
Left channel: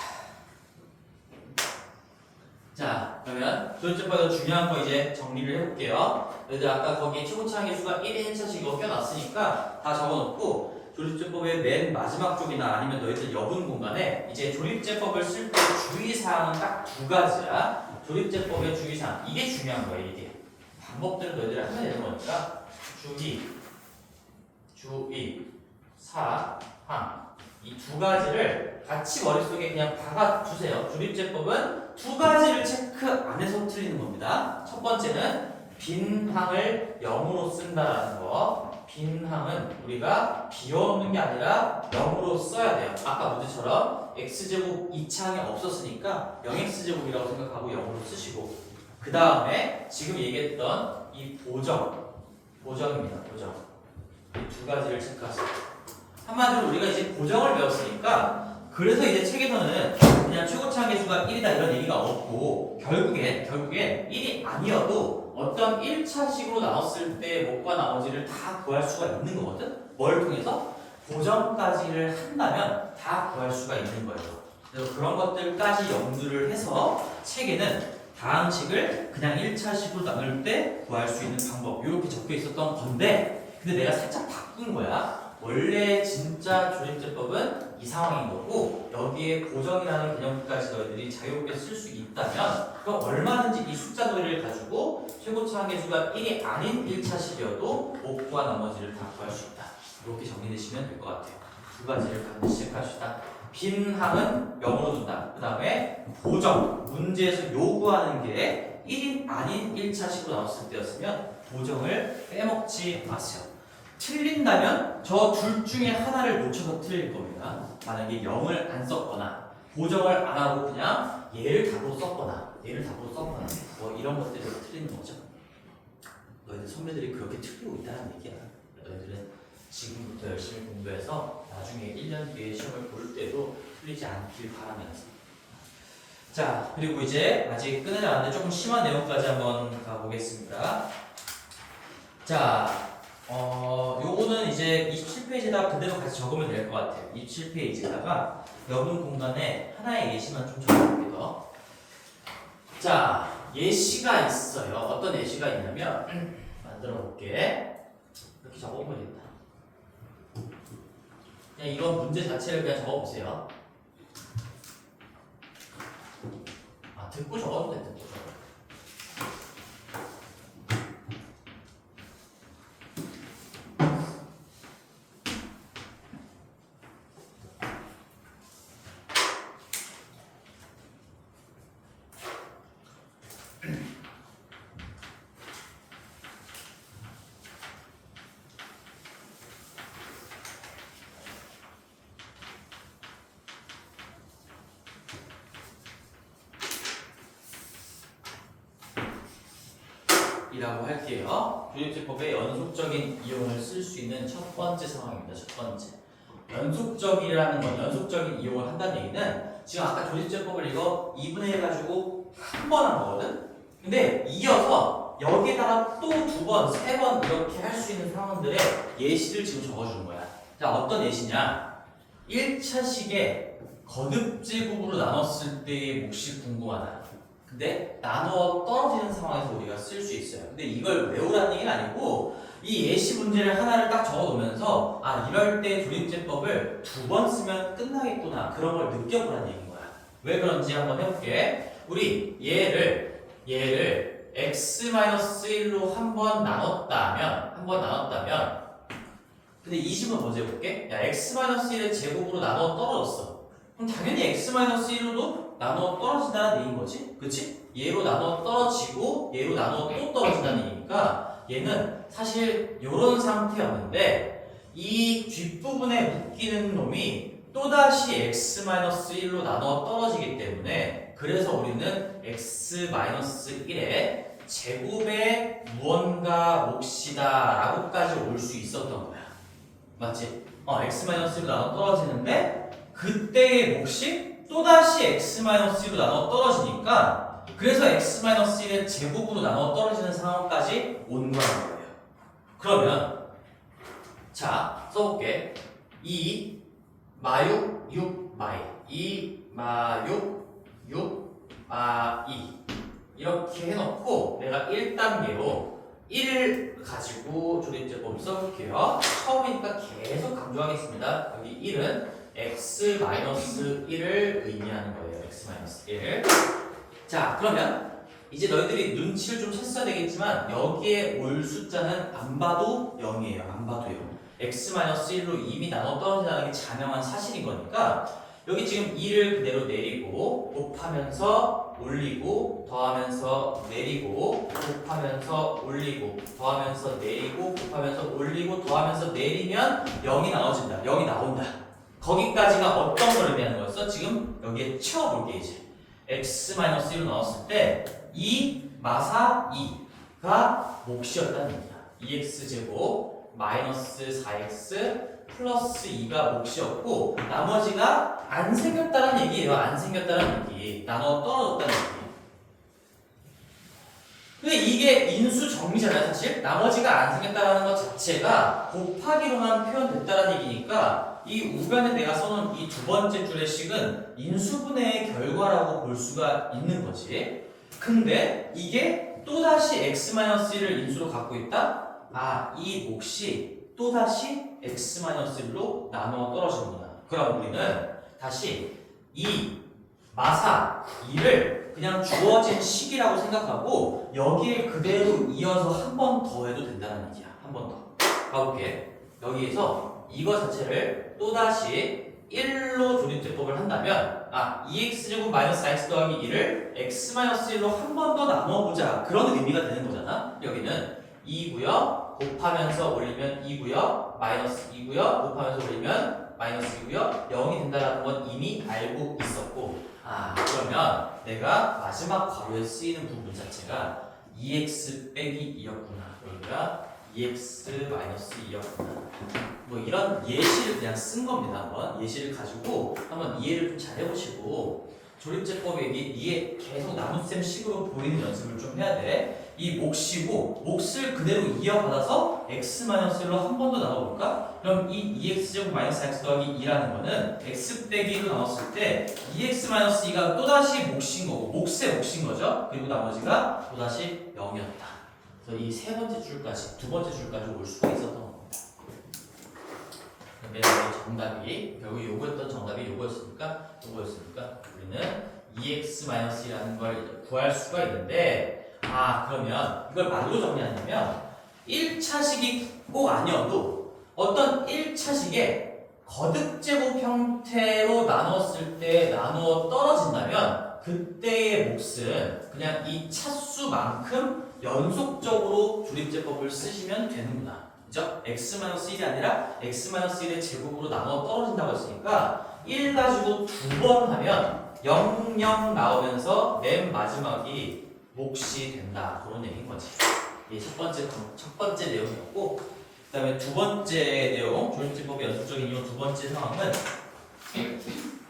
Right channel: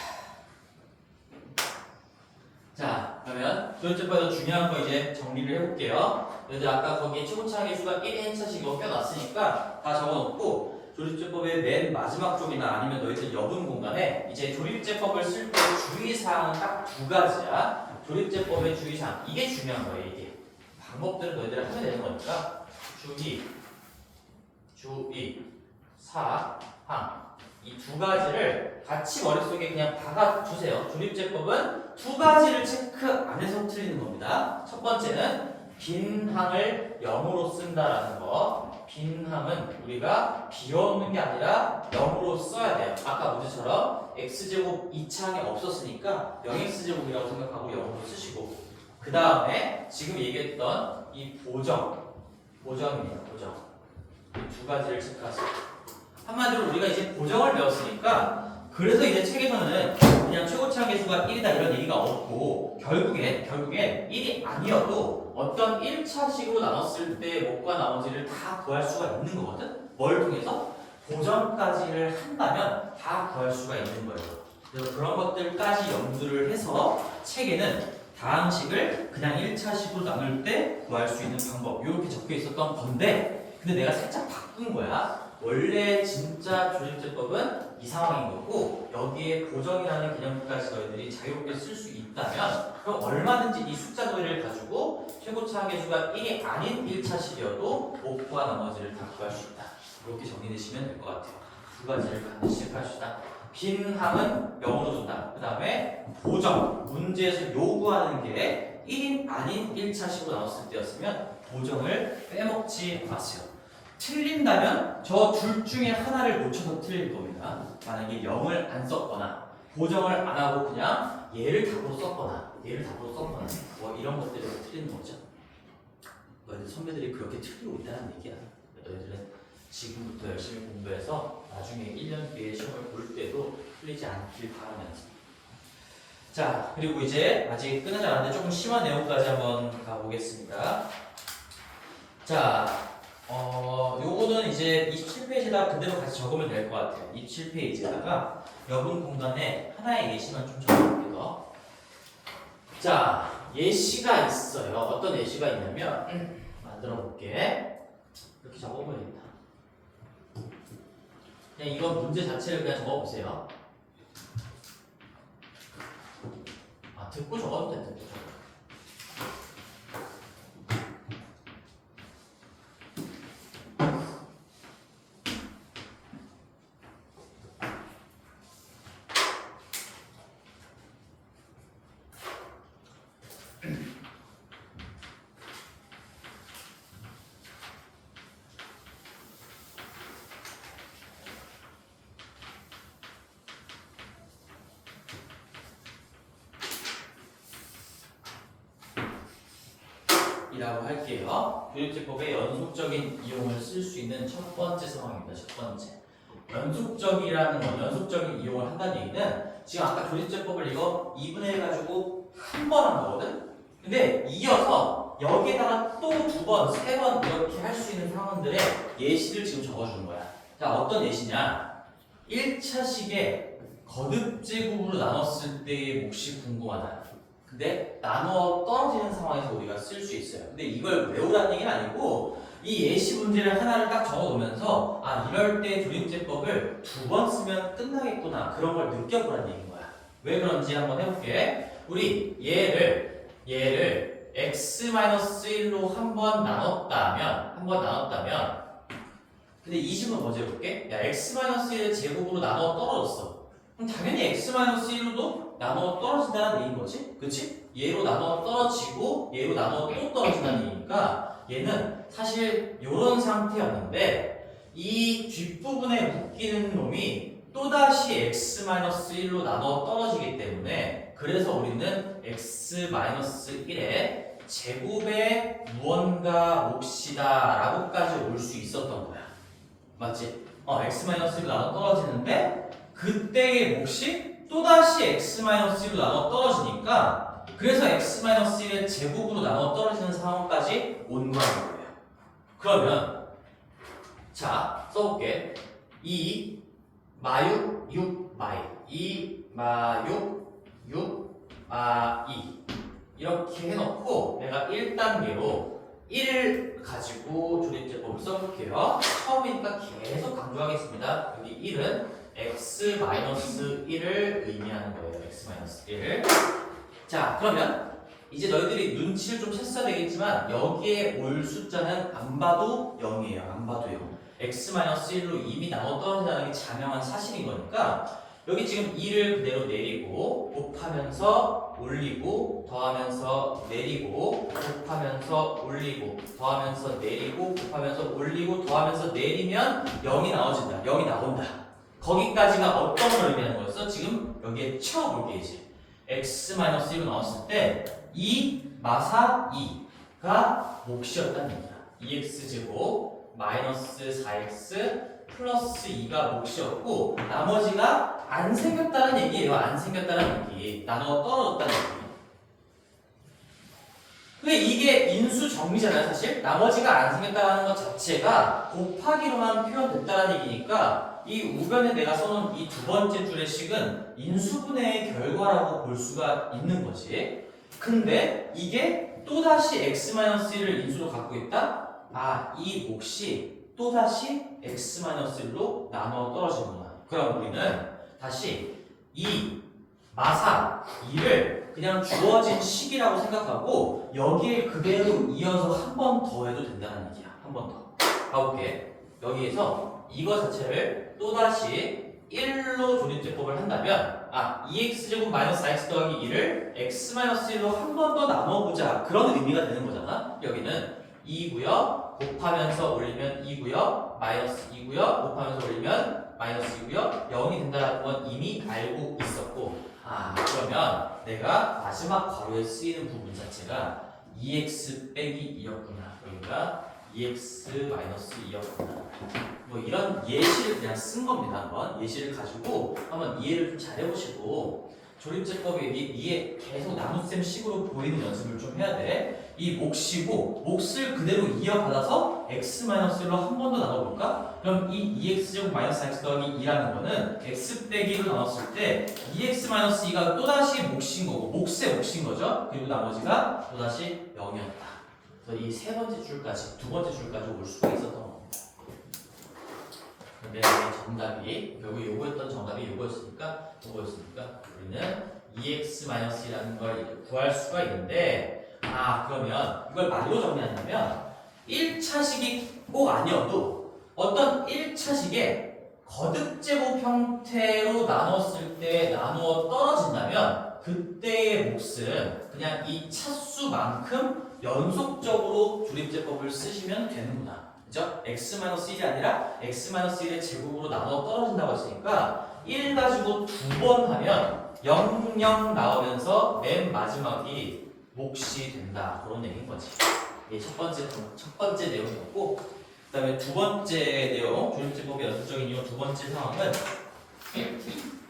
자, 그러면 조립제법에서 중요한 거 이제 정리를 해볼게요. 얘들 아까 거기에 최고차항 계수가 1의 1차식 이거 껴놨으니까 다 적어놓고 조립제법의 맨 마지막 쪽이나 아니면 너희들 여분 공간에 이제 조립제법을 쓸 때 주의사항은 딱 2가지야. 조립제법의 주의사항. 이게 중요한 거예요, 이게. 방법들은 너희들 하면 되는 거니까 주의사항. 이 2가지를 같이 머릿속에 그냥 박아주세요. 조립제법은 2가지를 체크 안 해서 틀리는 겁니다. 첫 번째는 빈항을 0으로 쓴다라는 거. 빈항은 우리가 비워놓는 게 아니라 0으로 써야 돼요. 아까 문제처럼 x제곱 2차항에 없었으니까 0x제곱이라고 생각하고 0으로 쓰시고, 그 다음에 지금 얘기했던 이 보정입니다. 보정. 이 2가지를 체크하세요. 한마디로 우리가 이제 보정을 배웠으니까, 그래서 이제 책에서는 그냥 최고차항 계수가 1이다 이런 얘기가 없고, 결국엔 1이 아니어도 어떤 1차식으로 나눴을 때 몫과 나머지를 다 구할 수가 있는 거거든? 뭘 통해서? 보정까지를 한다면 다 구할 수가 있는 거예요. 그래서 그런 것들까지 염두를 해서 책에는 다항식을 그냥 1차식으로 나눌 때 구할 수 있는 방법 이렇게 적혀 있었던 건데 근데 내가 살짝 바꾼 거야. 원래 진짜 조립제법은 이 상황인 거고 여기에 고정이라는 개념까지 너희들이 자유롭게 쓸 수 있다면 그럼 얼마든지 이 숫자 놀이를 가지고 최고차 한계수가 1이 아닌 1차식이어도 목과 나머지를 다 구할 수 있다. 이렇게 정리되시면 될 것 같아요. 두 가지를 반드시 체크하시다. 빈 항은 0으로 둔다. 그 다음에 보정, 문제에서 요구하는 게 1인 아닌 1차식으로 나왔을 때였으면 보정을 빼먹지 마세요. 틀린다면 저 둘 중에 하나를 놓쳐서 틀릴 겁니다. 만약에 0을 안 썼거나 보정을 안 하고 그냥 얘를 답으로 썼거나 얘를 답으로 썼거나 뭐 이런 것들을 틀리는 거죠. 너희들 선배들이 그렇게 틀리고 있다는 얘기야. 너희들은 지금부터 열심히 공부해서 나중에 1년 뒤에 시험을 볼 때도 틀리지 않길 바라면서. 자, 그리고 이제 아직 끝나지 않았는데 조금 심한 내용까지 한번 가보겠습니다. 자, 요거는 이제 27페이지에다 그대로 같이 적으면 될 것 같아요. 27페이지에다가 여분 공간에 하나의 예시만 좀 적어볼게요. 자, 예시가 있어요. 어떤 예시가 있냐면 만들어 볼게. 이렇게 적어보면 되겠다. 그냥 이건 문제 자체를 그냥 적어보세요. 아, 듣고 적어도 돼, 듣고 적어. 이라고 할게요. 조립제법의 연속적인 이용을 쓸 수 있는 첫 번째 상황입니다. 첫 번째. 연속적이라는 건 연속적인 이용을 한다는 얘기는 지금 아까 조립제법을 이거 2분의 1 가지고 한 번 한 거거든? 근데 이어서 여기에다가 또 두 번, 세 번 이렇게 할 수 있는 상황들의 예시를 지금 적어주는 거야. 자, 어떤 예시냐? 1차식에 거듭제곱으로 나눴을 때의 몫이 궁금하다. 근데 나눠 떨어지는 상황에서 우리가 쓸 수 있어요. 근데 이걸 외우라는 얘기는 아니고 이 예시 문제를 하나를 딱 적어 놓으면서 아 이럴 때 조립제법을 두 번 쓰면 끝나겠구나 그런 걸 느껴보라는 얘기인 거야. 왜 그런지 한번 해볼게. 우리 얘를 x-1로 한 번 나눴다면 근데 이 집은 먼저 해볼게. 야 x-1의 제곱으로 나눠 떨어졌어. 그럼 당연히 x-1로도 나눠 떨어진다는 얘기인 거지? 그치? 얘로 나눠 떨어지고 얘로 나눠 또 떨어진다는 얘기니까 얘는 사실 이런 상태였는데 이 뒷부분에 묶이는 놈이 또다시 x-1로 나눠 떨어지기 때문에 그래서 우리는 x-1의 제곱의 무언가 몫이다 라고까지 올 수 있었던 거야. 맞지? x-1로 나눠 떨어지는데 그때의 몫이 또다시 x-1로 나눠 떨어지니까 그래서 x-1의 제곱으로 나눠 떨어지는 상황까지 온 거라는 거예요. 그러면 자 써볼게. 2 마육 6 마이 2 마육 6 마이 이렇게 해놓고 내가 1단계로 1을 가지고 조립제법을 써볼게요. 처음이니까 계속 강조하겠습니다. 여기 1은 x-1을 의미하는 거예요. x-1. 자, 그러면 이제 너희들이 눈치를 좀 챘어야 되겠지만 여기에 올 숫자는 안 봐도 0이에요. 안 봐도 0. x-1로 이미 나눠 떨어진다는 게 자명한 사실인 거니까 여기 지금 2를 그대로 내리고 곱하면서 올리고 더하면서 내리고 곱하면서 올리고 더하면서 내리고 곱하면서 올리고 더하면서 내리면 0이 나와진다. 0이 나온다. 거기까지가 어떤 걸 의미하는 거였어? 지금 여기에 채워볼게 이제. x-1로 나왔을 때 2 마사 2가 몫이었다는 얘기야. 2x제곱 마이너스 4x 플러스 2가 몫이었고 나머지가 안 생겼다는 얘기예요. 안 생겼다는 얘기. 나눠 떨어졌다는 얘기. 근데 이게 인수 정리잖아요, 사실. 나머지가 안 생겼다는 것 자체가 곱하기로만 표현됐다는 얘기니까 이 우변에 내가 써놓은 이 두 번째 줄의 식은 인수분해의 결과라고 볼 수가 있는 거지. 근데 이게 또다시 x-1을 인수로 갖고 있다? 아, 이 몫이 또다시 x-1로 나눠 떨어지는구나. 그럼 우리는 다시 이 마사 2를 그냥 주어진 식이라고 생각하고 여기에 그대로 이어서 한 번 더 해도 된다는 얘기야. 한 번 더. 가볼게. 여기에서 이거 자체를 또다시 1로 조립제법을 한다면 2x제곱 마이너스 x 더하기 2를 x-1로 한 번 더 나눠보자. 그런 의미가 되는 거잖아. 여기는 2고요. 곱하면서 올리면 2고요. 마이너스 2고요. 곱하면서 올리면 마이너스 2고요. 0이 된다는 건 이미 알고 있었고 그러면 내가 마지막 괄호에 쓰이는 부분 자체가 2x 빼기 2였구나. 그러니까 2x 마이너스 2였구나. 뭐 이런 예시를 그냥 쓴 겁니다. 한번 예시를 가지고 한번 이해를 좀 잘 해보시고 조립제법이 이게 계속 나눗셈 식으로 보이는 연습을 좀 해야 돼. 이 몫이고 몫을 그대로 이어받아서 x-1로 한 번 더 나눠볼까? 그럼 이 2x제곱 마이너스 x 더하기 2라는 거는 x 빼기 1로 나눴을 때 2x-2가 또다시 몫인 거고 몫의 몫인 거죠. 그리고 나머지가 또다시 0이었다. 그래서 이 세 번째 줄까지, 두 번째 줄까지 올 수가 있었던 겁니다. 그러면 정답이 결국 요거였던 정답이 요거였으니까 우리는 2x-1이라는 걸 구할 수가 있는데 그러면 이걸 말로 정리하냐면 1차식이 꼭 아니어도 어떤 1차식에 거듭제곱 형태로 나눴을 때 나누어 떨어진다면 그때의 몫은 그냥 이 차수만큼 연속적으로 조립제법을 쓰시면 되는구나. 그죠? x-1이 아니라 x-1의 제곱으로 나눠 떨어진다고 했으니까 1 가지고 두 번 하면 0, 0 나오면서 맨 마지막이 몫이 된다. 그런 얘기인 거지. 이게 첫 번째 내용이었고, 그 다음에 두 번째 내용, 조립제법의 연속적인 이용 두 번째 상황은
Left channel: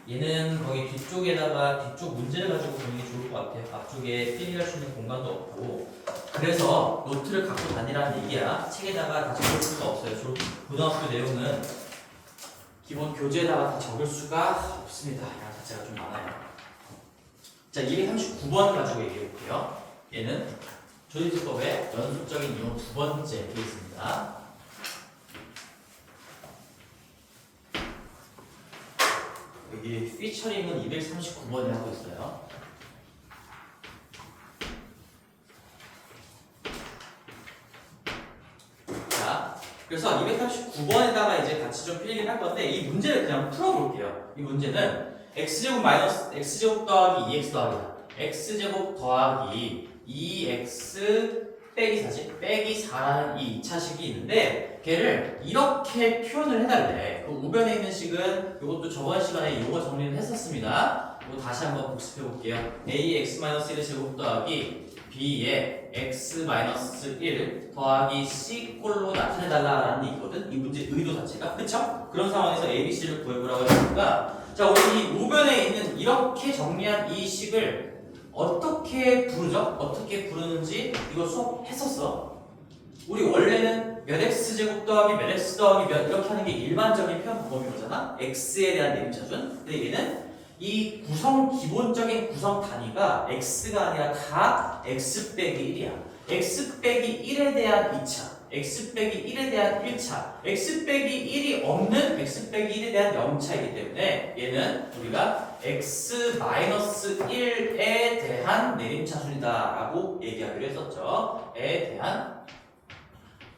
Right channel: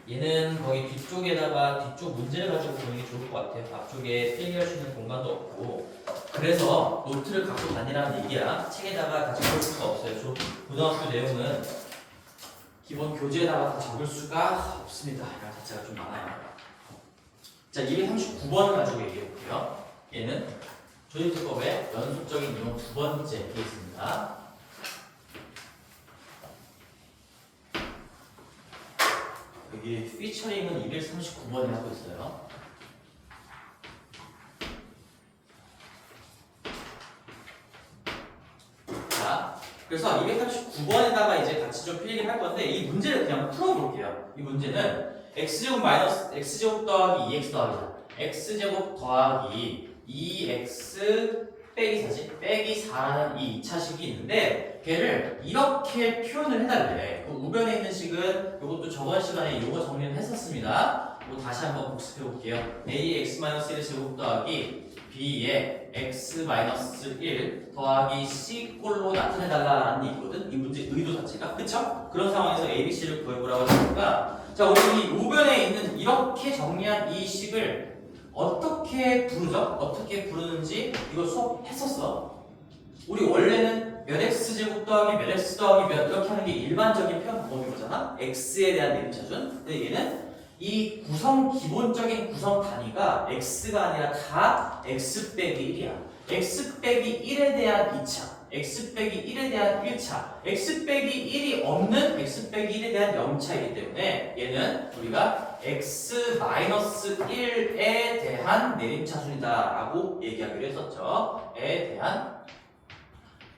얘는 거기 뒤쪽 문제를 가지고 보는 게 좋을 것 같아요. 앞쪽에 필기할 수 있는 공간도 없고, 그래서 노트를 갖고 다니라는 얘기야. 책에다가 다 적을 수가 없어요. 고등학교 내용은 기본 교재에다가 다 적을 수가 없습니다. 양 자체가 좀 많아요. 자, 239번 가지고 얘기해 볼게요. 얘는 조립제법의 연속적인 이용 두 번째 케이스입니다. 여기 피처링은 239번을 하고 있어요. 자, 그래서 239번에다가 이제 같이 좀 필기를 할 건데 이 문제를 그냥 풀어볼게요. 이 문제는 x제곱 마이너스 x제곱 더하기 2x 더하기다. x제곱 더하기 2x 빼기 4지? 빼기 4라는 이 2차식이 있는데 걔를 이렇게 표현을 해달래. 그 우변에 있는 식은 이것도 저번 시간에 이거 정리를 했었습니다. 이거 다시 한번 복습해 볼게요. ax-1의 제곱 더하기 b의 x-1 더하기 c꼴로 나타내달라는 게 있거든. 이 문제 의도 자체가. 그쵸? 그런 상황에서 abc를 구해보라고 했으니까 자, 우리 이 우변에 있는 이렇게 정리한 이 식을 어떻게 부르죠? 어떻게 부르는지 이거 수업 했었어. 우리 원래는 몇 x제곱 더하기 몇 x 더하기 몇 이렇게 하는 게 일반적인 표현 방법인 거잖아. x에 대한 내림차순. 근데 얘는 이 기본적인 구성 단위가 x가 아니라 다 x 빼기 1이야. x 빼기 1에 대한 2차, x 빼기 1에 대한 1차, x 빼기 1이 없는 x 빼기 1에 대한 0차이기 때문에 얘는 우리가 x-1에 대한 내림차순이다라고 얘기하기로 했었죠. 에 대한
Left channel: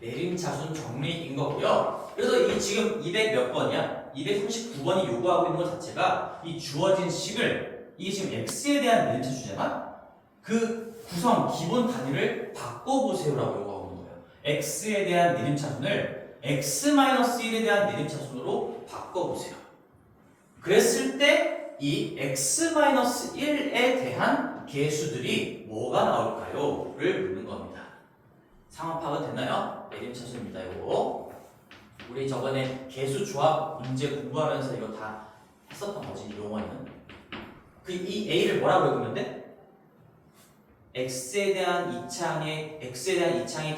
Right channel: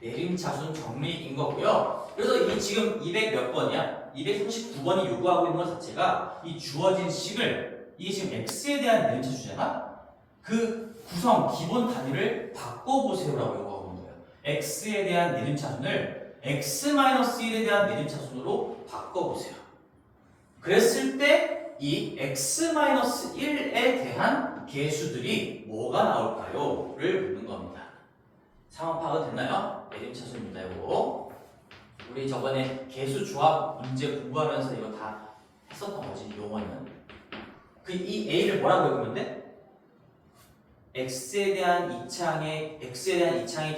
내림차순 정리인 거고요. 그래서 이 지금 200 몇 번이야? 239번이 요구하고 있는 것 자체가 이 주어진 식을 이게 지금 x에 대한 내림차순이잖아? 그 구성 기본 단위를 바꿔보세요라고 요구하고 있는 거예요. x에 대한 내림차순을 x-1에 대한 내림차순으로 바꿔보세요. 그랬을 때 이 x-1에 대한 계수들이 뭐가 나올까요? 를 묻는 겁니다. 상황 파악은 됐나요? 내림차순입니다. 이거 우리 저번에 계수 조합 문제 공부하면서 이거 다 했었던 거지. 이 용어에는 이 a를 뭐라고 읽으면 돼? x에 대한 이차의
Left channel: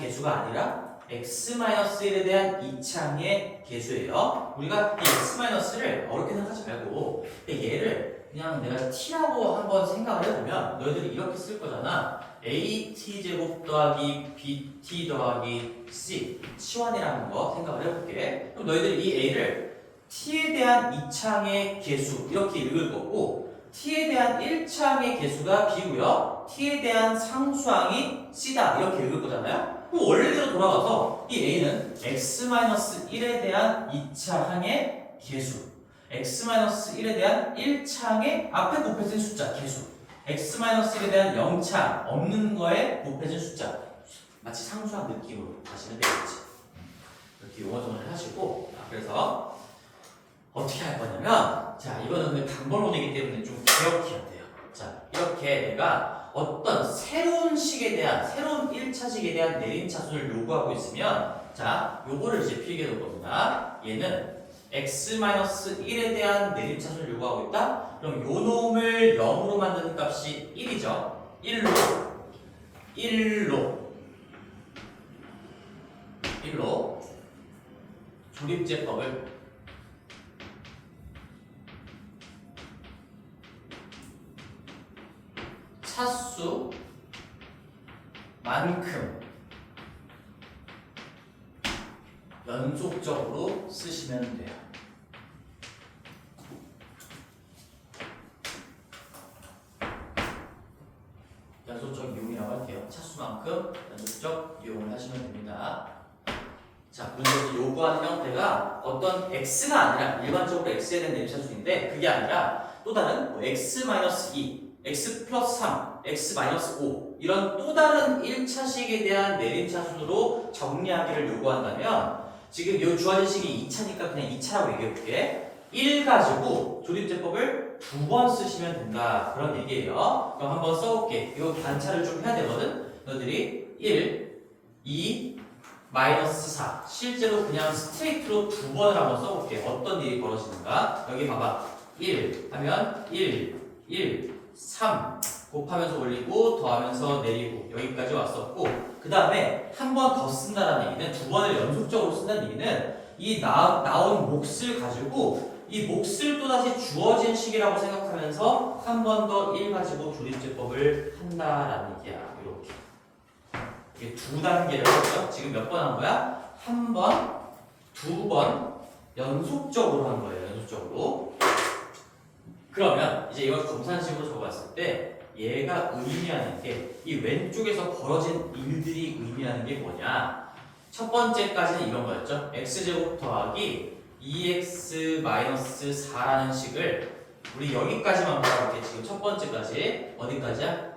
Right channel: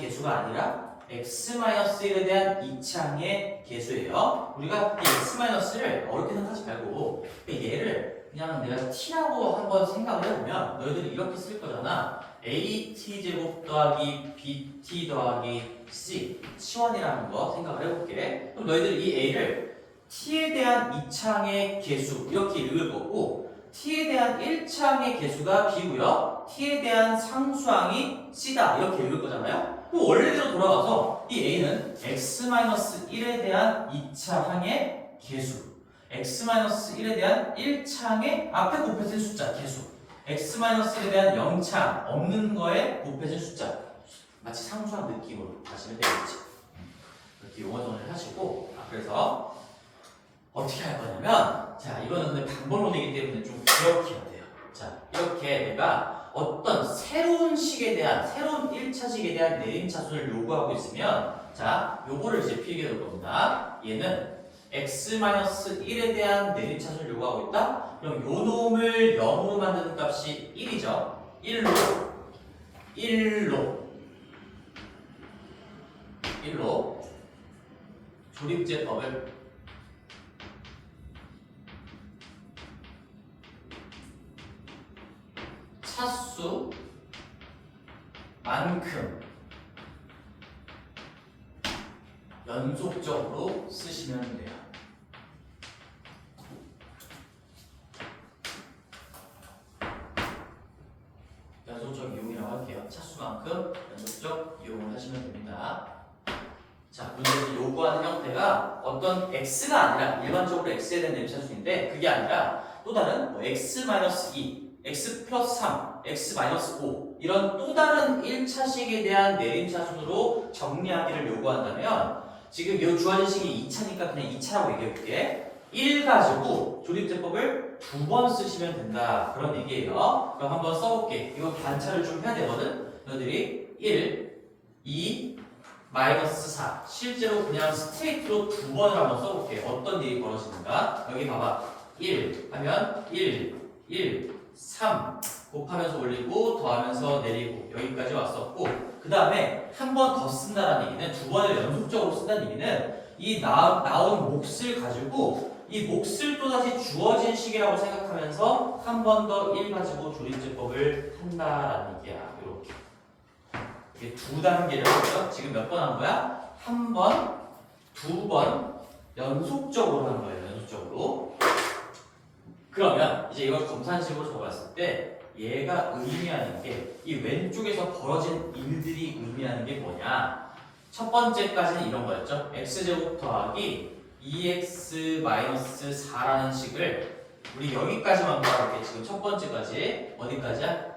개수가 아니라 x-1에 대한 이차의 개수예요. 우리가 이 x-를 어렵게 생각하지 말고 얘를 그냥 내가 t라고 한번 생각을 해보면 너희들이 이렇게 쓸 거잖아. at제곱 더하기 bt 더하기 c 치원이라는 거 생각을 해볼게. 그럼 너희들이 이 a를 t에 대한 이차의 개수 이렇게 읽을 거고 t에 대한 1차항의 개수가 b고요. t에 대한 상수항이 c다 이렇게 읽을 거잖아요. 그럼 원래대로 돌아가서 이 a는 x-1에 대한 2차항의 개수 x-1에 대한 1차항의 앞에 곱해진 숫자 개수 x-1에 대한 0차항 없는 거에 곱해진 숫자 마치 상수항 느낌으로 가시면 되겠지. 이렇게 용어 정리를 하시고 그래서 어떻게 할 거냐면 자 이거는 단번론이기 때문에 좀 기억해야 돼요. 자 이렇게 내가 어떤 새로운 식에 대한 새로운 1차식에 대한 내림차순을 요구하고 있으면 자 요거를 이제 필기해 놓을 겁니다. 얘는 x-1에 대한 내림차순을 요구하고 있다? 그럼 요 놈을 0으로 만드는 값이 1이죠. 1로 조립제법을 차수만큼 연속적으로 쓰시면 돼요. 연속적 이용이라고 할게요. 차수만큼 연속적 이용을 하시면 됩니다. 자, 문제에서 요구하는 형태가 어떤 x가 아니라 일반적으로 x에 대한 내림차순인데 그게 아니라 또 다른 뭐 x-2, x 플러스 3, x-5 이런 또 다른 1차식에 대한 내림차순으로 정리하기를 요구한다면 지금 이 주어진 식이 2차니까 그냥 2차라고 얘기해볼게. 1 가지고 조립제법을 2번 쓰시면 된다 그런 얘기예요. 그럼 한번 써볼게. 이거 관찰을 좀 해야 되거든. 너희들이 1, 2, 마이너스 4 실제로 그냥 스트레이트로 2번을 한번 써볼게. 어떤 일이 벌어지는가. 여기 봐봐. 1 하면 1, 3 곱하면서 올리고 더하면서 내리고 여기까지 왔었고 그 다음에 한 번 더 쓴다는 얘기는 2번을 연속적으로 쓴다는 얘기는 이 나온 몫을 가지고 이 몫을 또다시 주어진 식이라고 생각하면서 한 번 더 1 가지고 조립제법을 한다라는 얘기야. 이렇게 이게 두 단계를 했죠. 지금 몇 번 한 거야? 한 번, 2번 연속적으로 한 거예요. 연속적으로. 그러면 이제 이걸 정산식으로 적어봤을 때 얘가 의미하는 게 이 왼쪽에서 벌어진 일들이 의미하는 게 뭐냐? 첫 번째까지는 이런 거였죠. x제곱 더하기 2x-4라는 식을 우리 여기까지만 봐볼게. 지금 첫 번째까지 어디까지야?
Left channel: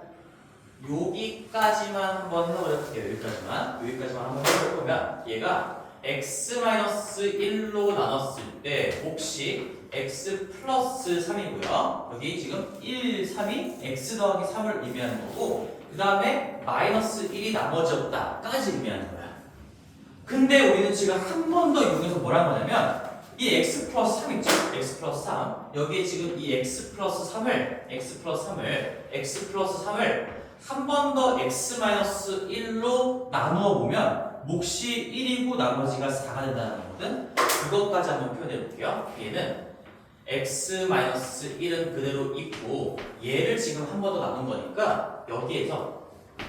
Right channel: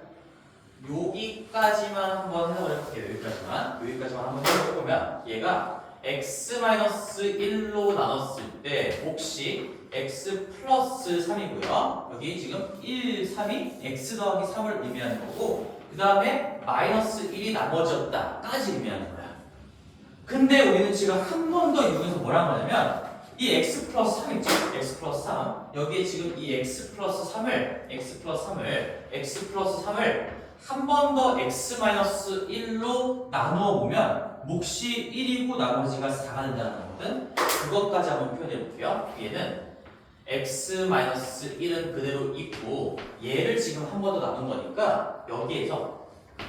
여기까지만 한번 해볼게요. 여기까지만 한번 해보면 얘가 x-1로 나눴을 때 몫이 x 플러스 3이고요. 여기 지금 1, 3이 x 더하기 3을 의미하는 거고 그 다음에 마이너스 1이 나머지였다까지 의미하는 거야. 근데 우리는 지금 한 번 더 이용해서 뭐라고 하냐면 이 x 플러스 3 있죠? x 플러스 3 여기에 지금 이 x 플러스 3을 한 번 더 x-1로 나누어 보면 몫이 1이고 나머지가 4가 된다는 거거든. 그것까지 한번 표현해 볼게요. 얘는 x-1은 그대로 있고 얘를 지금 한 번 더 나눈 거니까 여기에서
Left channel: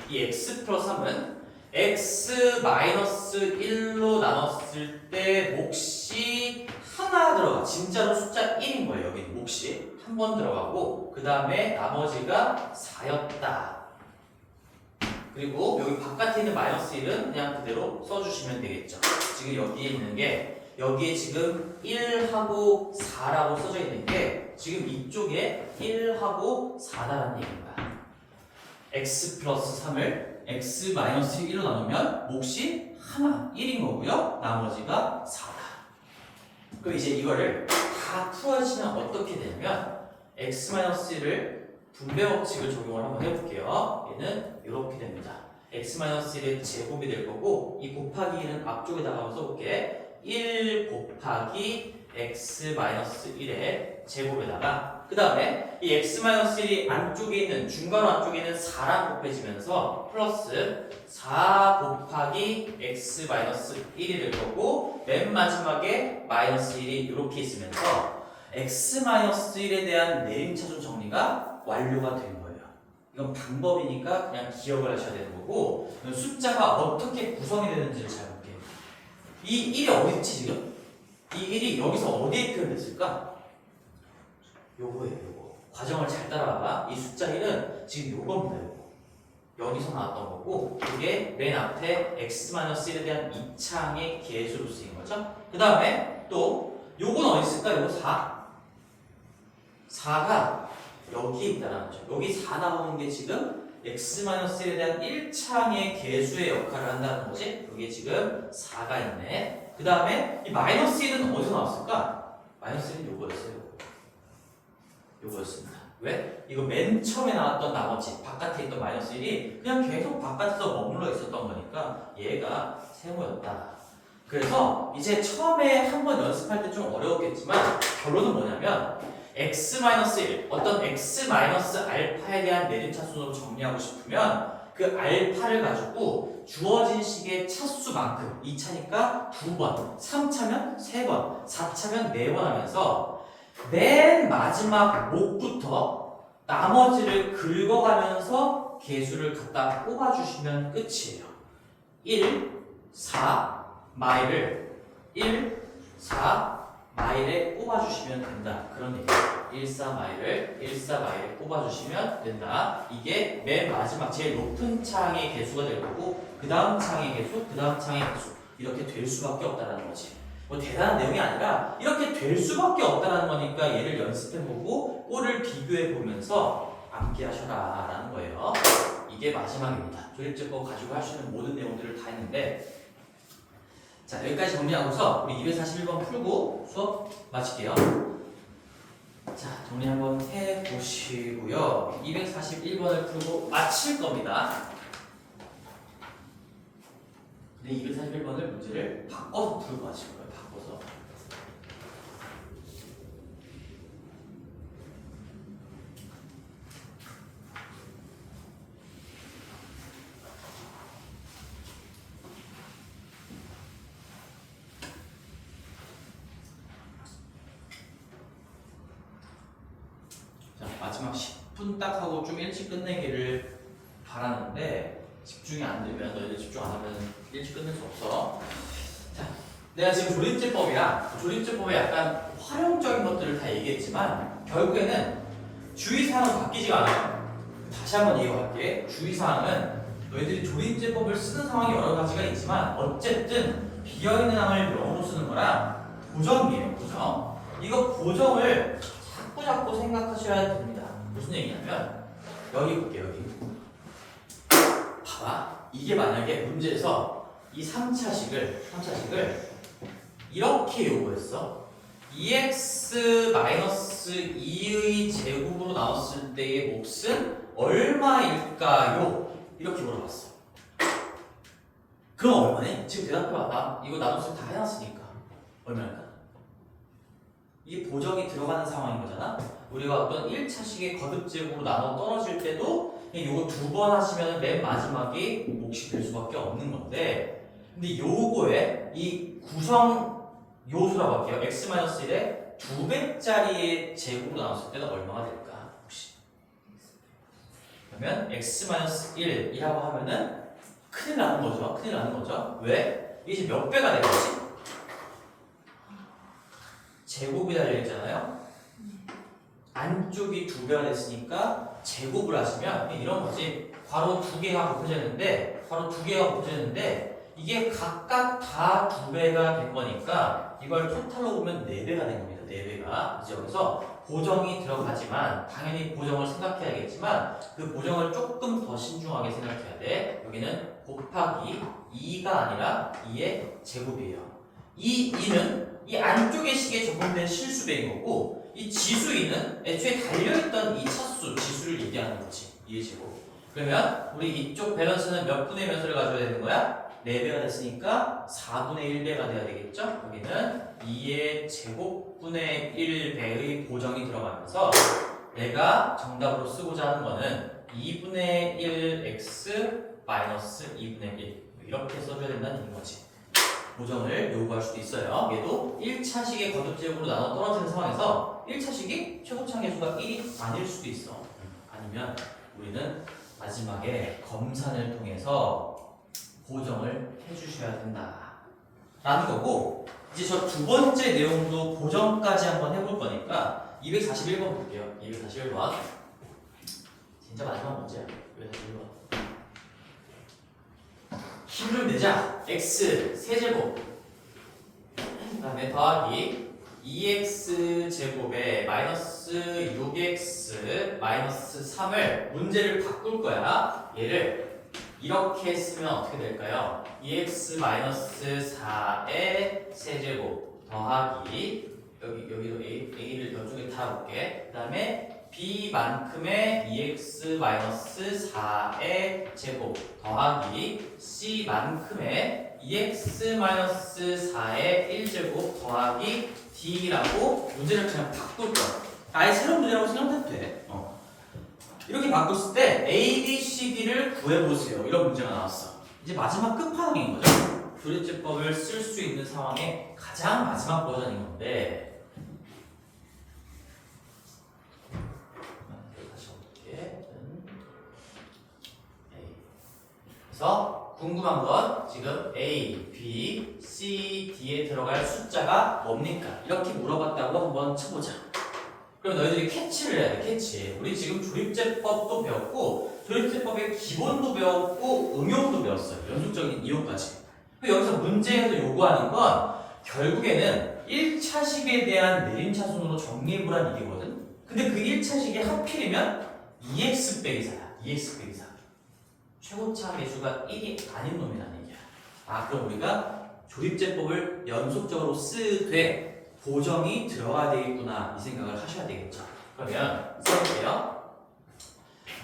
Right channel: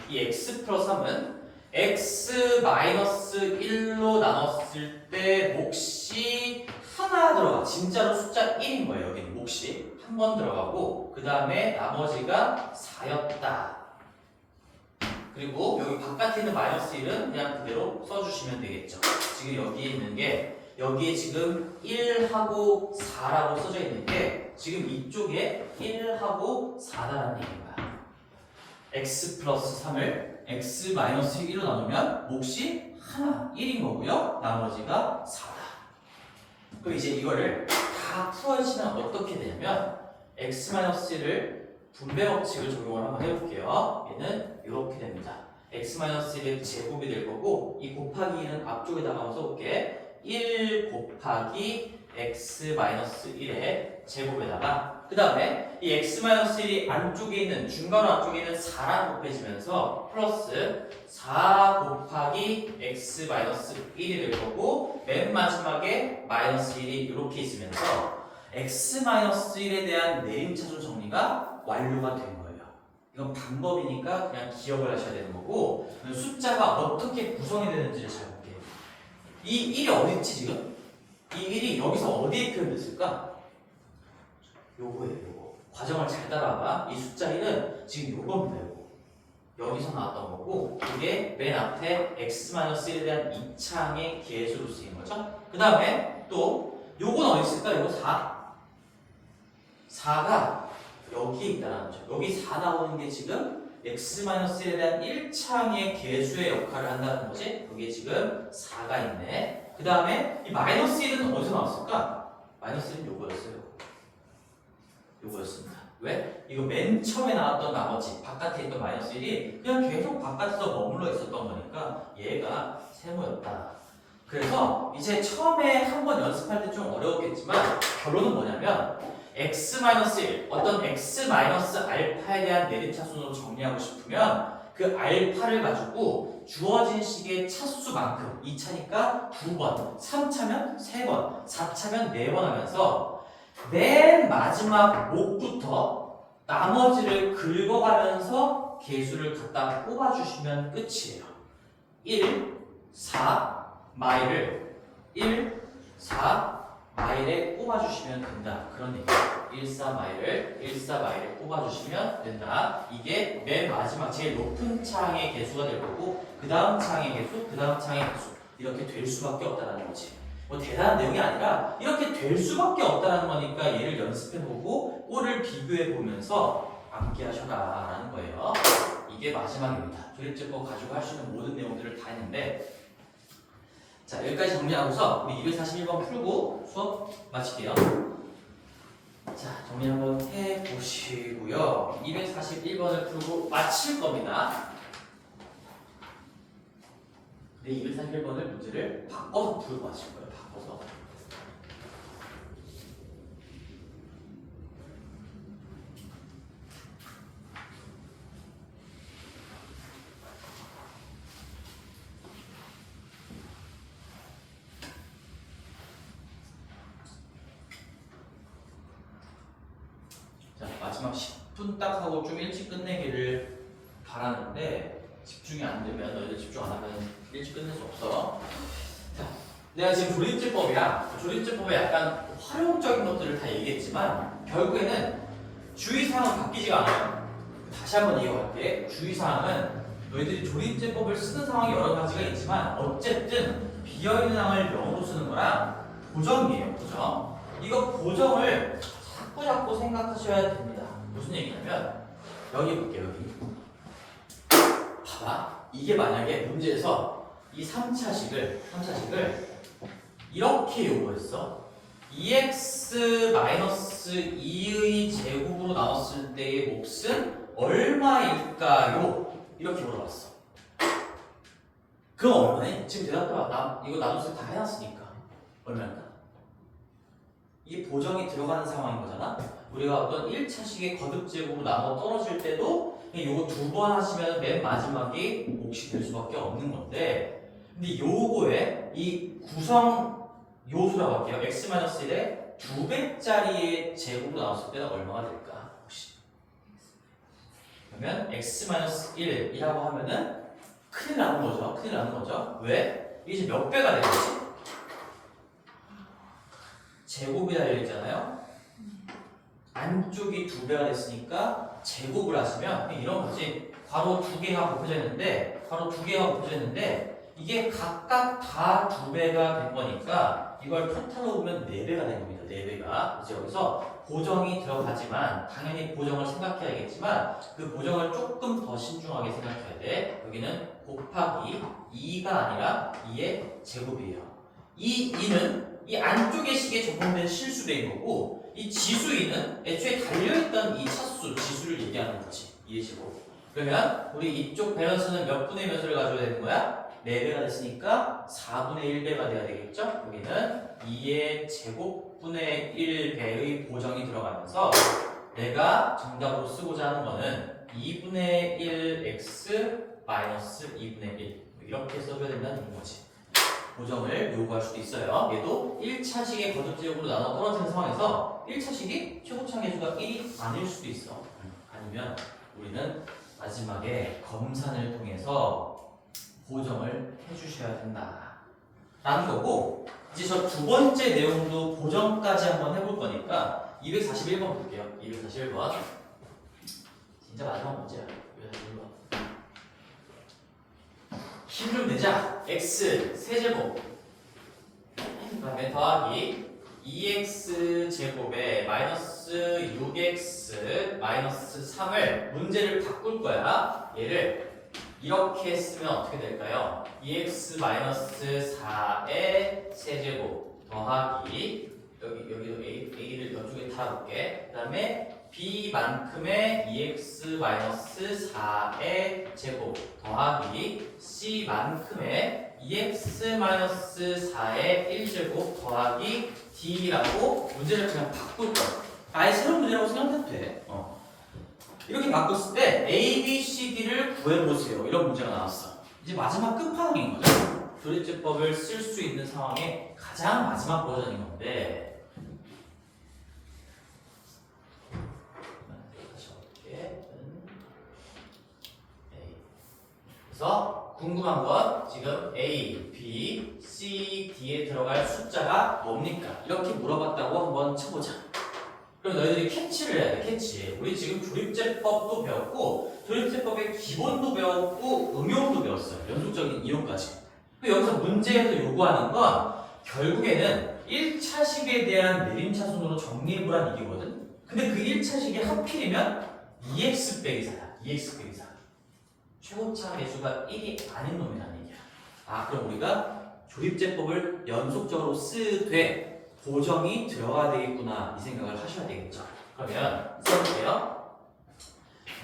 이 x 플러스 3은 x-1로 나눴을 때 몫이 하나 들어가. 진짜로 숫자 1인 거예요. 여기는 몫이 한 번 들어가고 그 다음에 나머지가 4였다. 그리고 여기 바깥에 있는 마이너스 1은 그냥 그대로 써주시면 되겠죠. 지금 여기에 있는 게 여기에 지금 1하고 4라고 써져 있는 게 지금 이쪽에 1하고 4다라는 얘기인 거야. x 플러스 3을 x-1로 나누면 몫이 하나 1인 거고요. 나머지가 4다. 그럼 이제 이거를 다 풀어주시면 어떻게 되냐면 x-1을 분배 법칙을 적용을 한번 해볼게요. 얘는 이렇게 됩니다. x-1의 제곱이 될 거고 이 곱하기 2는 앞쪽에다가 한번 써볼게. 1 곱하기 x-1의 제곱에다가 그 다음에 이 x-1이 안쪽에 있는 중괄호 안쪽에 있는 4랑 곱해지면서 플러스 4 곱하기 x-1이 될 거고 맨 마지막에 마이너스 1이 이렇게 있으면서 x-1에 대한 내림차순 정리가 완료가 된 거예요. 이건 방법이니까 그냥 기억을 하셔야 되는 거고 숫자가 어떻게 구성이 되는지를 잘 볼게요. 이 1이 어디 있지 지금? 이 1이 여기서 어디에 표현됐을까? 요거예요, 요거. 과정을 잘 따라와봐. 이 숫자 1은 지금 요겁니다, 요거. 여기서 나왔던 거고, 이게 맨 앞에 x-1에 대한 2창의 계수로 쓰인 거죠. 그 다음에 또, 요건 어디 있을까? 요거 4. 4가 여기에 있다는 거죠. 여기 4 나오는 게 지금 x-에 대한 1창의 계수의 역할을 한다는 거지. 여기에 지금 4가 있네. 그 다음에 이 마이너스 1은 어디서 나왔을까? 마이너스 1은 요거였어요. 요거였습니다. 왜? 이거 맨 처음에 나왔던 나머지 바깥에 있던 마이너스 1이 그냥 계속 바깥에서 머물러 있었던 거니까 얘가 세모였다. 그래서 이제 처음에 한번 연습할 때 좀 어려웠겠지만 결론은 뭐냐면 x-1 어떤 x-알파에 대한 내림차순으로 정리하고 싶으면 그 알파를 가지고 주어진 식의 차수만큼 2차니까 2번, 3차면 3번, 4차면 4번 하면서 맨 마지막 목부터 나머지를 긁어가면서 개수를 갖다 뽑아주시면 끝이에요. 1, 4, 마일을 1, 4, 마일에 뽑아주시면 된다. 그런 얘기예요. 1, 4 마일을 1, 4 마일에 뽑아주시면 된다. 이게 맨 마지막 제일 높은 창의 개수가 될 거고 그 다음 창의 개수, 그 다음 창의 개수 이렇게 될 수밖에 없다는 거지. 뭐 대단한 내용이 아니라 이렇게 될 수밖에 없다는 거니까 얘를 연습해보고 꼴을 비교해보면서 암기하셔라 라는 거예요. 이게 마지막입니다. 조립제법 가지고 할 수 있는 모든 내용들을 다 했는데 자 여기까지 정리하고서 우리 241번 풀고 수업 마칠게요. 자 정리 한번 해보시고요. 241번을 풀고 마칠 겁니다. 근데 241번을 문제를 바꿔서 풀고 마칠 거예요. 바꿔서. 자 마지막 10분 딱 하고 좀 일찍 끝내기를 바라는데 집중이 안 되면 너희들 집중 안 하면 일찍 끝낼 수 없어. 자, 내가 지금 조립제법에 약간 활용적인 것들을 다 얘기했지만 결국에는 주의사항은 바뀌지가 않아요. 다시 한번 얘기할게. 주의사항은 너희들이 조립제법을 쓰는 상황이 여러 가지가 있지만 어쨌든 비어있는 항을 명으로 쓰는 거랑 보정이에요. 보정. 이거 보정을 자꾸 생각하셔야 됩니다. 무슨 얘기냐면 여기 볼게요. 여기. 봐봐. 이게 만약에 문제에서 이 3차식을 이렇게 요구했어. 2x-2의 제곱으로 나눴을 때의 몫은 얼마일까요? 이렇게 물어봤어. 그럼 얼마네? 지금 대답해봐. 나 이거 나눗셈 다 해놨으니까 얼마일까? 이게 보정이 들어가는 상황인 거잖아. 우리가 어떤 1차식의 거듭제곱으로 나눠 떨어질 때도 요거 2번 하시면 맨 마지막이 몫이 될 수밖에 없는 건데 근데 요거에 이 구성 요소라고 할게요. x-1에 2배짜리의 제곱으로 나눴을 때는 얼마가 될까? 혹시 그러면 x-1이라고 하면은 큰일 나는 거죠. 왜? 이게 지금 몇 배가 되겠지? 제곱이 달려있잖아요. 안쪽이 2배가 됐으니까 제곱을 하시면 이런 거지. 괄호 2개가 곱해져 있는데 이게 각각 다 2배가 된 거니까 이걸 토탈로 보면 4배가 된 겁니다. 4배가. 이제 여기서 보정이 들어가지만 당연히 보정을 생각해야겠지만 그 보정을 조금 더 신중하게 생각해야 돼. 여기는 곱하기 2가 아니라 2의 제곱이에요. 이 2는 이 안쪽의 식에 적용된 실수배인 거고 이 지수 2는 애초에 달려있던 이 차수 지수를 얘기하는 거지. 2의 제곱. 그러면 우리 이쪽 밸런스는 몇 분의 몇 수를 가져야 되는 거야? 4배가 됐으니까 4분의 1배가 돼야 되겠죠? 여기는 2의 제곱분의 1배의 보정이 들어가면서 내가 정답으로 쓰고자 하는 거는 2분의 1x 마이너스 2분의 1 이렇게 써줘야 된다는 얘기인 거지. 보정을 요구할 수도 있어요. 얘도 1차식의 거듭제곱으로 나눠 떨어지는 상황에서 1차식이 최고차항 계수가 1이 아닐 수도 있어. 아니면 우리는 마지막에 검산을 통해서 보정을 해주셔야 된다 라는 거고, 이제 저 두 번째 내용도 보정까지 한번 해볼 거니까 241번 볼게요. 241번 진짜 마지막 문제야. 241번 힘 좀 내자. x 세제곱 그 다음에 더하기 2x 제곱에 마이너스 6x 마이너스 3을 문제를 바꿀 거야. 얘를 이렇게 쓰면 어떻게 될까요? 2x 마이너스 4의 세제곱 더하기 여기도 a를 이쪽에 달아볼게. 그 다음에 b만큼의 2x 마이너스 4의 제곱 더하기 c만큼의 2x 마이너스 4의 1제곱 더하기 d라고 문제를 그냥 바꿀 거야. 아예 새로운 문제라고 생각해도 돼. 이렇게 바꿨을 때 A, B, C, D를 구해보세요. 이런 문제가 나왔어. 이제 마지막 끝판왕인 거죠. 조립제법을 쓸 수 있는 상황의 가장 마지막 버전인 건데, 그래서 궁금한 건 지금 A, B, C, D에 들어갈 숫자가 뭡니까? 이렇게 물어봤다고 한번 쳐보자. 그럼 너희들이 캐치를 해야 돼. 캐치. 우리 지금 조립제법도 배웠고 조립제법의 기본도 배웠고 응용도 배웠어요. 연속적인 이용까지. 여기서 문제에서 요구하는 건 결국에는 1차식에 대한 내림차순으로 정리해보란 얘기거든. 근데 그 1차식이 하필이면 2x 빼기 4야. 2x 빼기 4. 최고차 계수가 1이 아닌 놈이라는 얘기야. 그럼 우리가 조립제법을 연속적으로 쓰되 보정이 들어가야 되겠구나 이 생각을 하셔야 되겠죠. 그러면 써볼게요.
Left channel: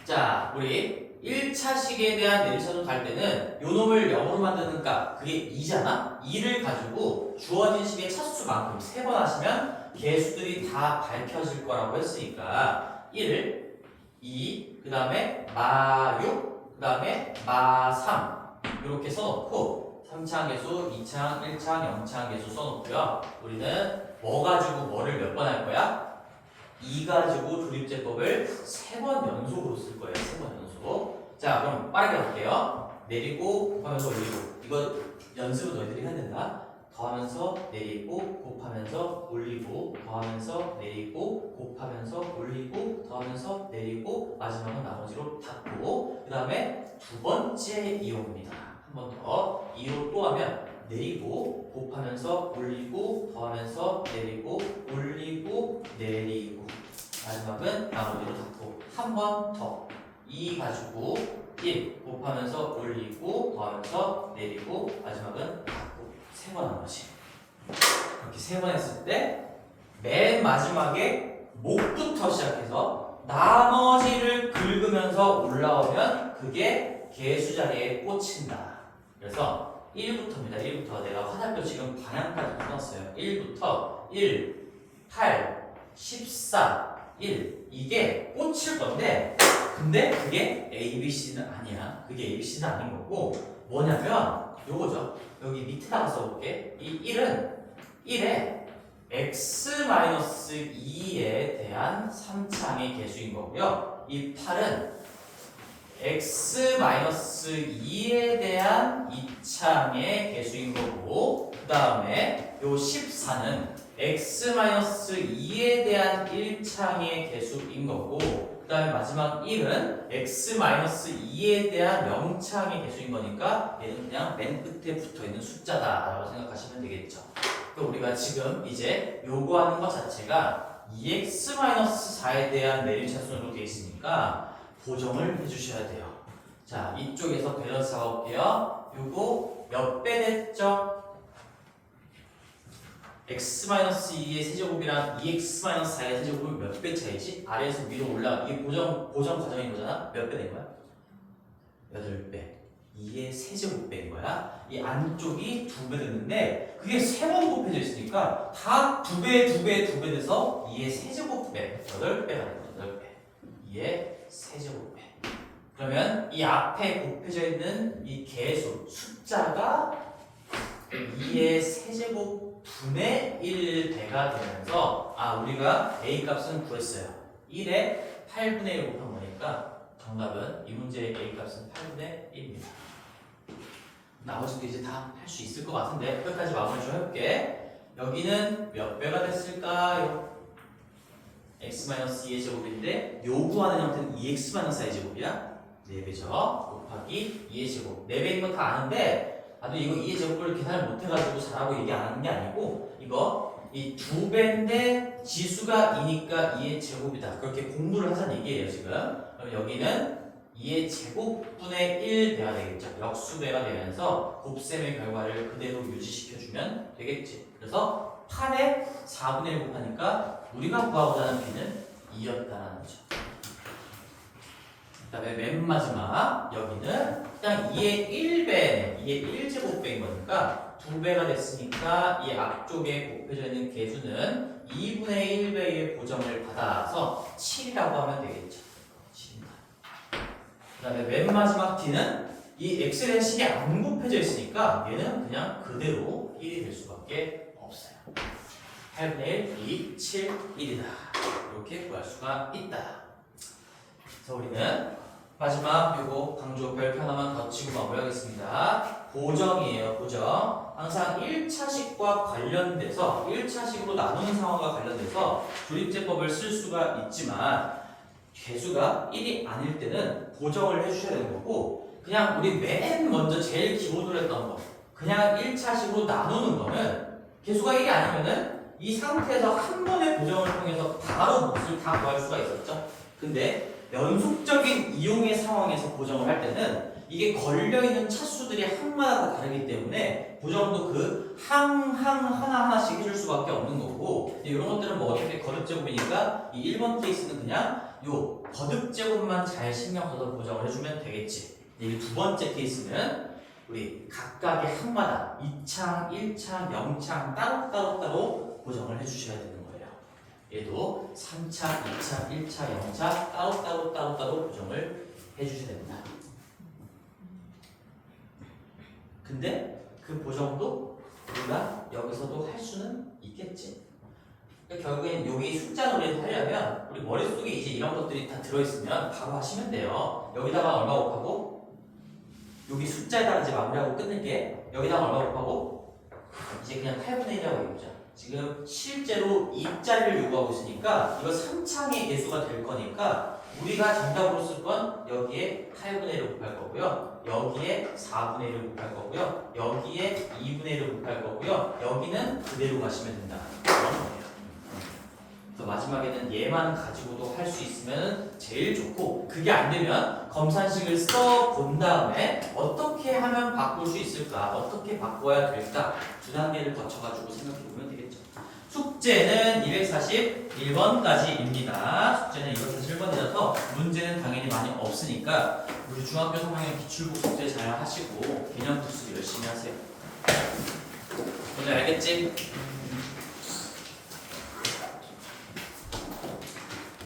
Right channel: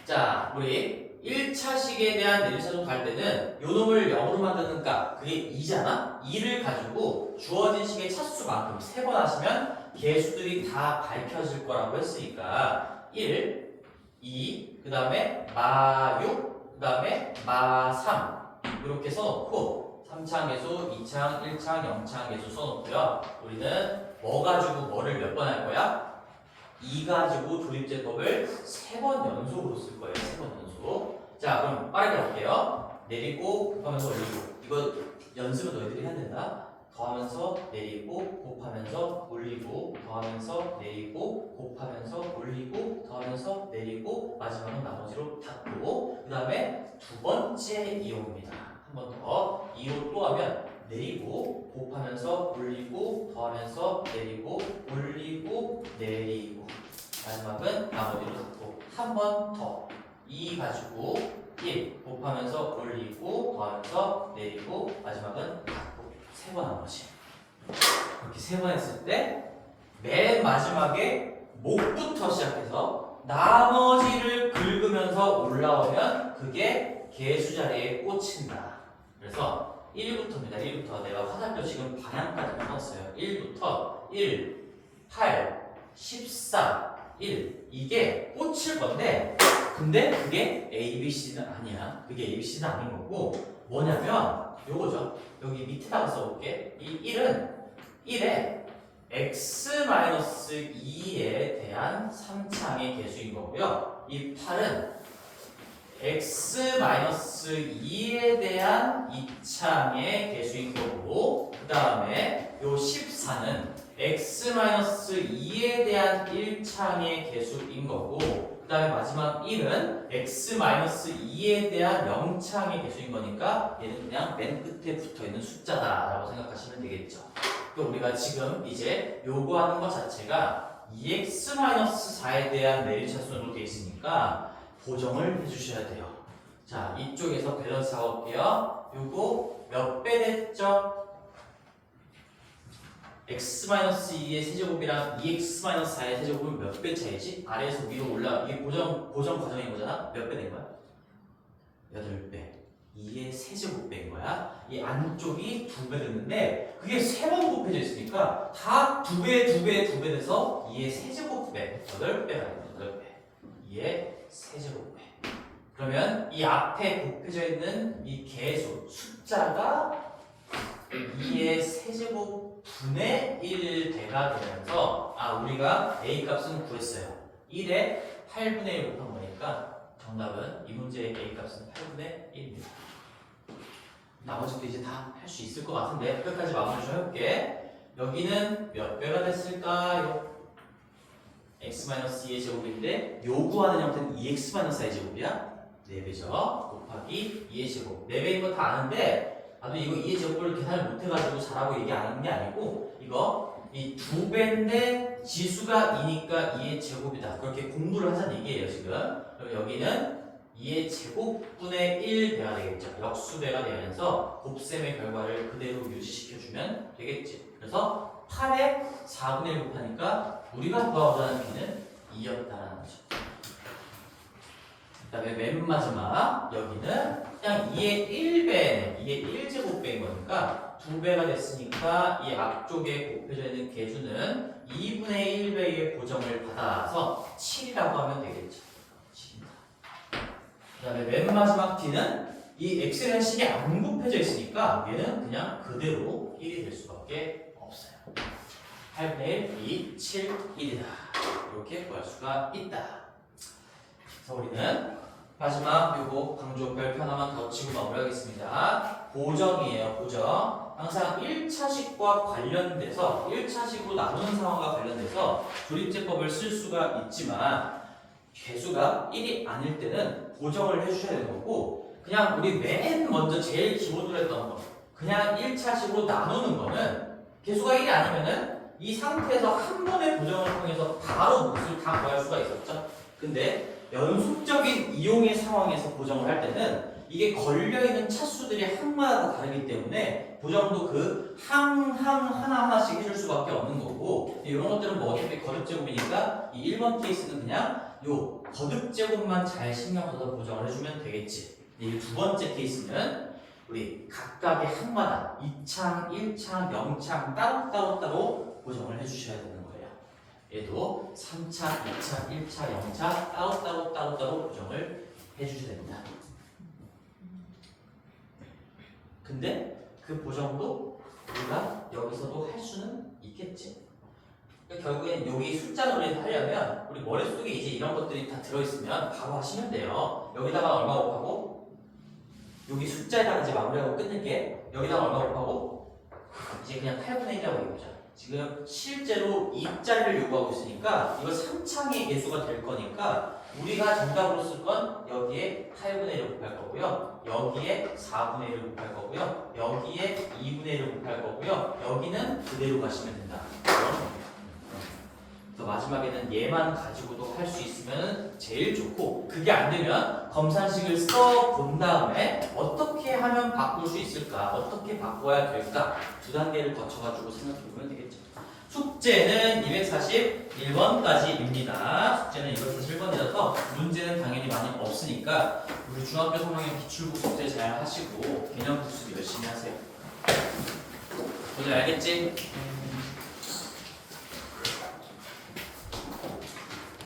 자, 우리 1차식에 대한 내림차순 갈 때는 요 놈을 0으로 만드니까 그게 2잖아? 2를 가지고 주어진 식의 차수만큼 3번 하시면 개수들이 다 밝혀질 거라고 했으니까 1, 2, 그 다음에 마6, 그 다음에 마3 이렇게 써놓고 3차항 계수, 2차항, 1차항, 0차항 계수 써놓고요. 우리는 뭐 가지고 뭐를 몇 번 할 거야? 2 가지고 조립제법을 3번 연속으로 쓸 거예요. 3번 연속. 자, 그럼 빠르게 할게요. 내리고 곱하면서 올리고. 이거 연습은 너희들이 해야 된다. 더하면서 내리고 곱하면서 올리고 더하면서 내리고 곱하면서 올리고 더하면서 내리고 마지막은 나머지로 닫고, 그 다음에 두 번째 이용입니다. 한 번 더 2로 또 하면 내리고 곱하면서 올리고 더하면서 내리고 올리고 내리고 마지막은 나머지로 닫고, 한 번 더 2 가지고 1 곱하면서 올리고 더하면서 내리고 마지막은 닫고 3번 한 거지. 이렇게 3번 했을 때 맨 마지막에 목부터 시작해서 나머지를 긁으면서 올라오면 그게 개수 자리에 꽂힌다. 그래서 1부터입니다. 1부터 내가 화살표 지금 방향까지 풀었어요. 1부터 1, 8, 14, 1 이게 꽂힐 건데, 근데 그게 ABC는 아니야. 그게 ABC는 아닌 거고 뭐냐면 요거죠. 여기 밑에다가 써볼게. 이 1은 1에 x-2에 대한 3차항의 개수인 거고요. 이 8은 x-2에 대한 2차항의 개수인 거고, 그 다음에 요 14는 x-2에 대한 1차항의 개수인 거고, 그 다음에 마지막 1은 x-2에 대한 0차항의 개수인 거니까 얘는 그냥 맨 끝에 붙어있는 숫자다 라고 생각하시면 되겠죠. 그러니까 우리가 지금 이제 요구하는 것 자체가 2x-4에 대한 내림차순으로 되어 있으니까 보정을 해주셔야 돼요. 자, 이쪽에서 밸런스 해볼게요. 요거 몇 배 됐죠? x-2의 세제곱이랑 2x-4의 세제곱은 몇 배 차이지? 아래에서 위로 올라가. 이게 보정 과정인 거잖아? 몇 배 된 거야? 8배. 2의 세제곱배인 거야. 이 안쪽이 2배 됐는데 그게 3번 곱해져 있으니까 다 2배, 2배, 2배 돼서 2의 세제곱배 8배가 됩니다. 8배. 2의 세제곱배. 그러면 이 앞에 곱해져 있는 이 개수 숫자가 2의 세제곱 분의 1배가 되면서 우리가 A 값은 구했어요. 1에 8분의 1 곱한 거니까 정답은 이 문제의 A 값은 8분의 1입니다. 나머지도 이제 다 할 수 있을 것 같은데 여기까지 마무리 좀 해볼게. 여기는 몇 배가 됐을까요? x-2의 제곱인데 요구하는 형태는 2x-i의 제곱이야. 4배죠. 곱하기 2의 제곱. 4배인 거 다 아는데 나도 이거 2의 제곱을 계산을 못해가지고 잘하고 얘기 안 하는 게 아니고 이거 이 2배인데 지수가 2니까 2의 제곱이다. 그렇게 공부를 하자는 얘기예요 지금. 그럼 여기는 2의 제곱분의 1배가 되겠죠. 역수배가 되면서 곱셈의 결과를 그대로 유지시켜주면 되겠지. 그래서 8에 4분의 1 곱하니까 우리가 구하고자 하는 b는 2였다는 거죠. 그 다음에 맨 마지막 여기는 그냥 2의 1배, 2의 1제곱배인 거니까 2배가 됐으니까 이 앞쪽에 곱해져 있는 개수는 2분의 1배의 고정을 받아서 7이라고 하면 되겠죠. 7입니다. 그 다음에 맨 마지막 d는 이 x라는 식이 안 곱해져 있으니까 얘는 그냥 그대로 1이 될 수밖에 없어요. 8분의 1, 2, 7, 1이다. 이렇게 구할 수가 있다. 그래서 우리는 마지막 요거 강조 별표 하나만 더 치고 마무리하겠습니다. 보정이에요. 보정. 항상 1차식과 관련돼서 1차식으로 나누는 상황과 관련돼서 조립제법을 쓸 수가 있지만 개수가 1이 아닐 때는 보정을 해주셔야 되는 거고 그냥 우리 맨 먼저 제일 기본으로 했던 거 그냥 1차식으로 나누는 거는 개수가 1이 아니면은 이 상태에서 한 번의 보정을 통해서 바로 몫을 다 구할 수가 있었죠. 근데 연속적인 이용의 상황에서 보정을 할 때는 이게 걸려있는 차수들이 항마다 다 다르기 때문에 보정도 그 하나하나씩 해줄 수밖에 없는 거고 이런 것들은 뭐 어차피 거듭제곱이니까 이 1번 케이스는 그냥 요 거듭제곱만 잘 신경 써서 보정을 해주면 되겠지. 이 두 번째 케이스는 우리 각각의 항마다 2창, 1창, 0창 따로 보정을 해주셔야 되는 거예요. 얘도 3차, 2차, 1차, 0차 따로 보정을 해주셔야 됩니다. 근데 그 보정도 우리가 여기서도 할 수는 있겠지. 그러니까 결국엔 여기 숫자 놀이를 하려면 우리 머릿속에 이제 이런 것들이 다 들어있으면 바로 하시면 돼요. 여기다가 얼마 곱하고 여기 숫자에다가 이제 마무리하고 끝낼게. 여기다가 얼마 곱하고 이제 그냥 8분의 1이라고 해보자. 지금 실제로 2자리를 요구하고 있으니까 이거 3창의 개수가 될 거니까 우리가 정답으로 쓸 건 여기에 8분의 1을 곱할 거고요. 여기에 4분의 1을 곱할 거고요. 여기에 2분의 1을 곱할 거고요. 여기는 그대로 가시면 된다. 그런 거예요. 그래서 마지막에는 얘만 가지고도 할 수 있으면 제일 좋고 그게 안 되면 검산식을 써 본 다음에 어떻게 하면 바꿀 수 있을까? 어떻게 바꿔야 될까? 두 단계를 거쳐가지고 생각해 보면 되겠죠. 숙제는 241번까지입니다. 숙제는 241번이라서 문제는 당연히 많이 없으니까 우리 중학교 3학년 기출국 숙제 잘 하시고 개념 복습 열심히 하세요. 뭔지 알겠지?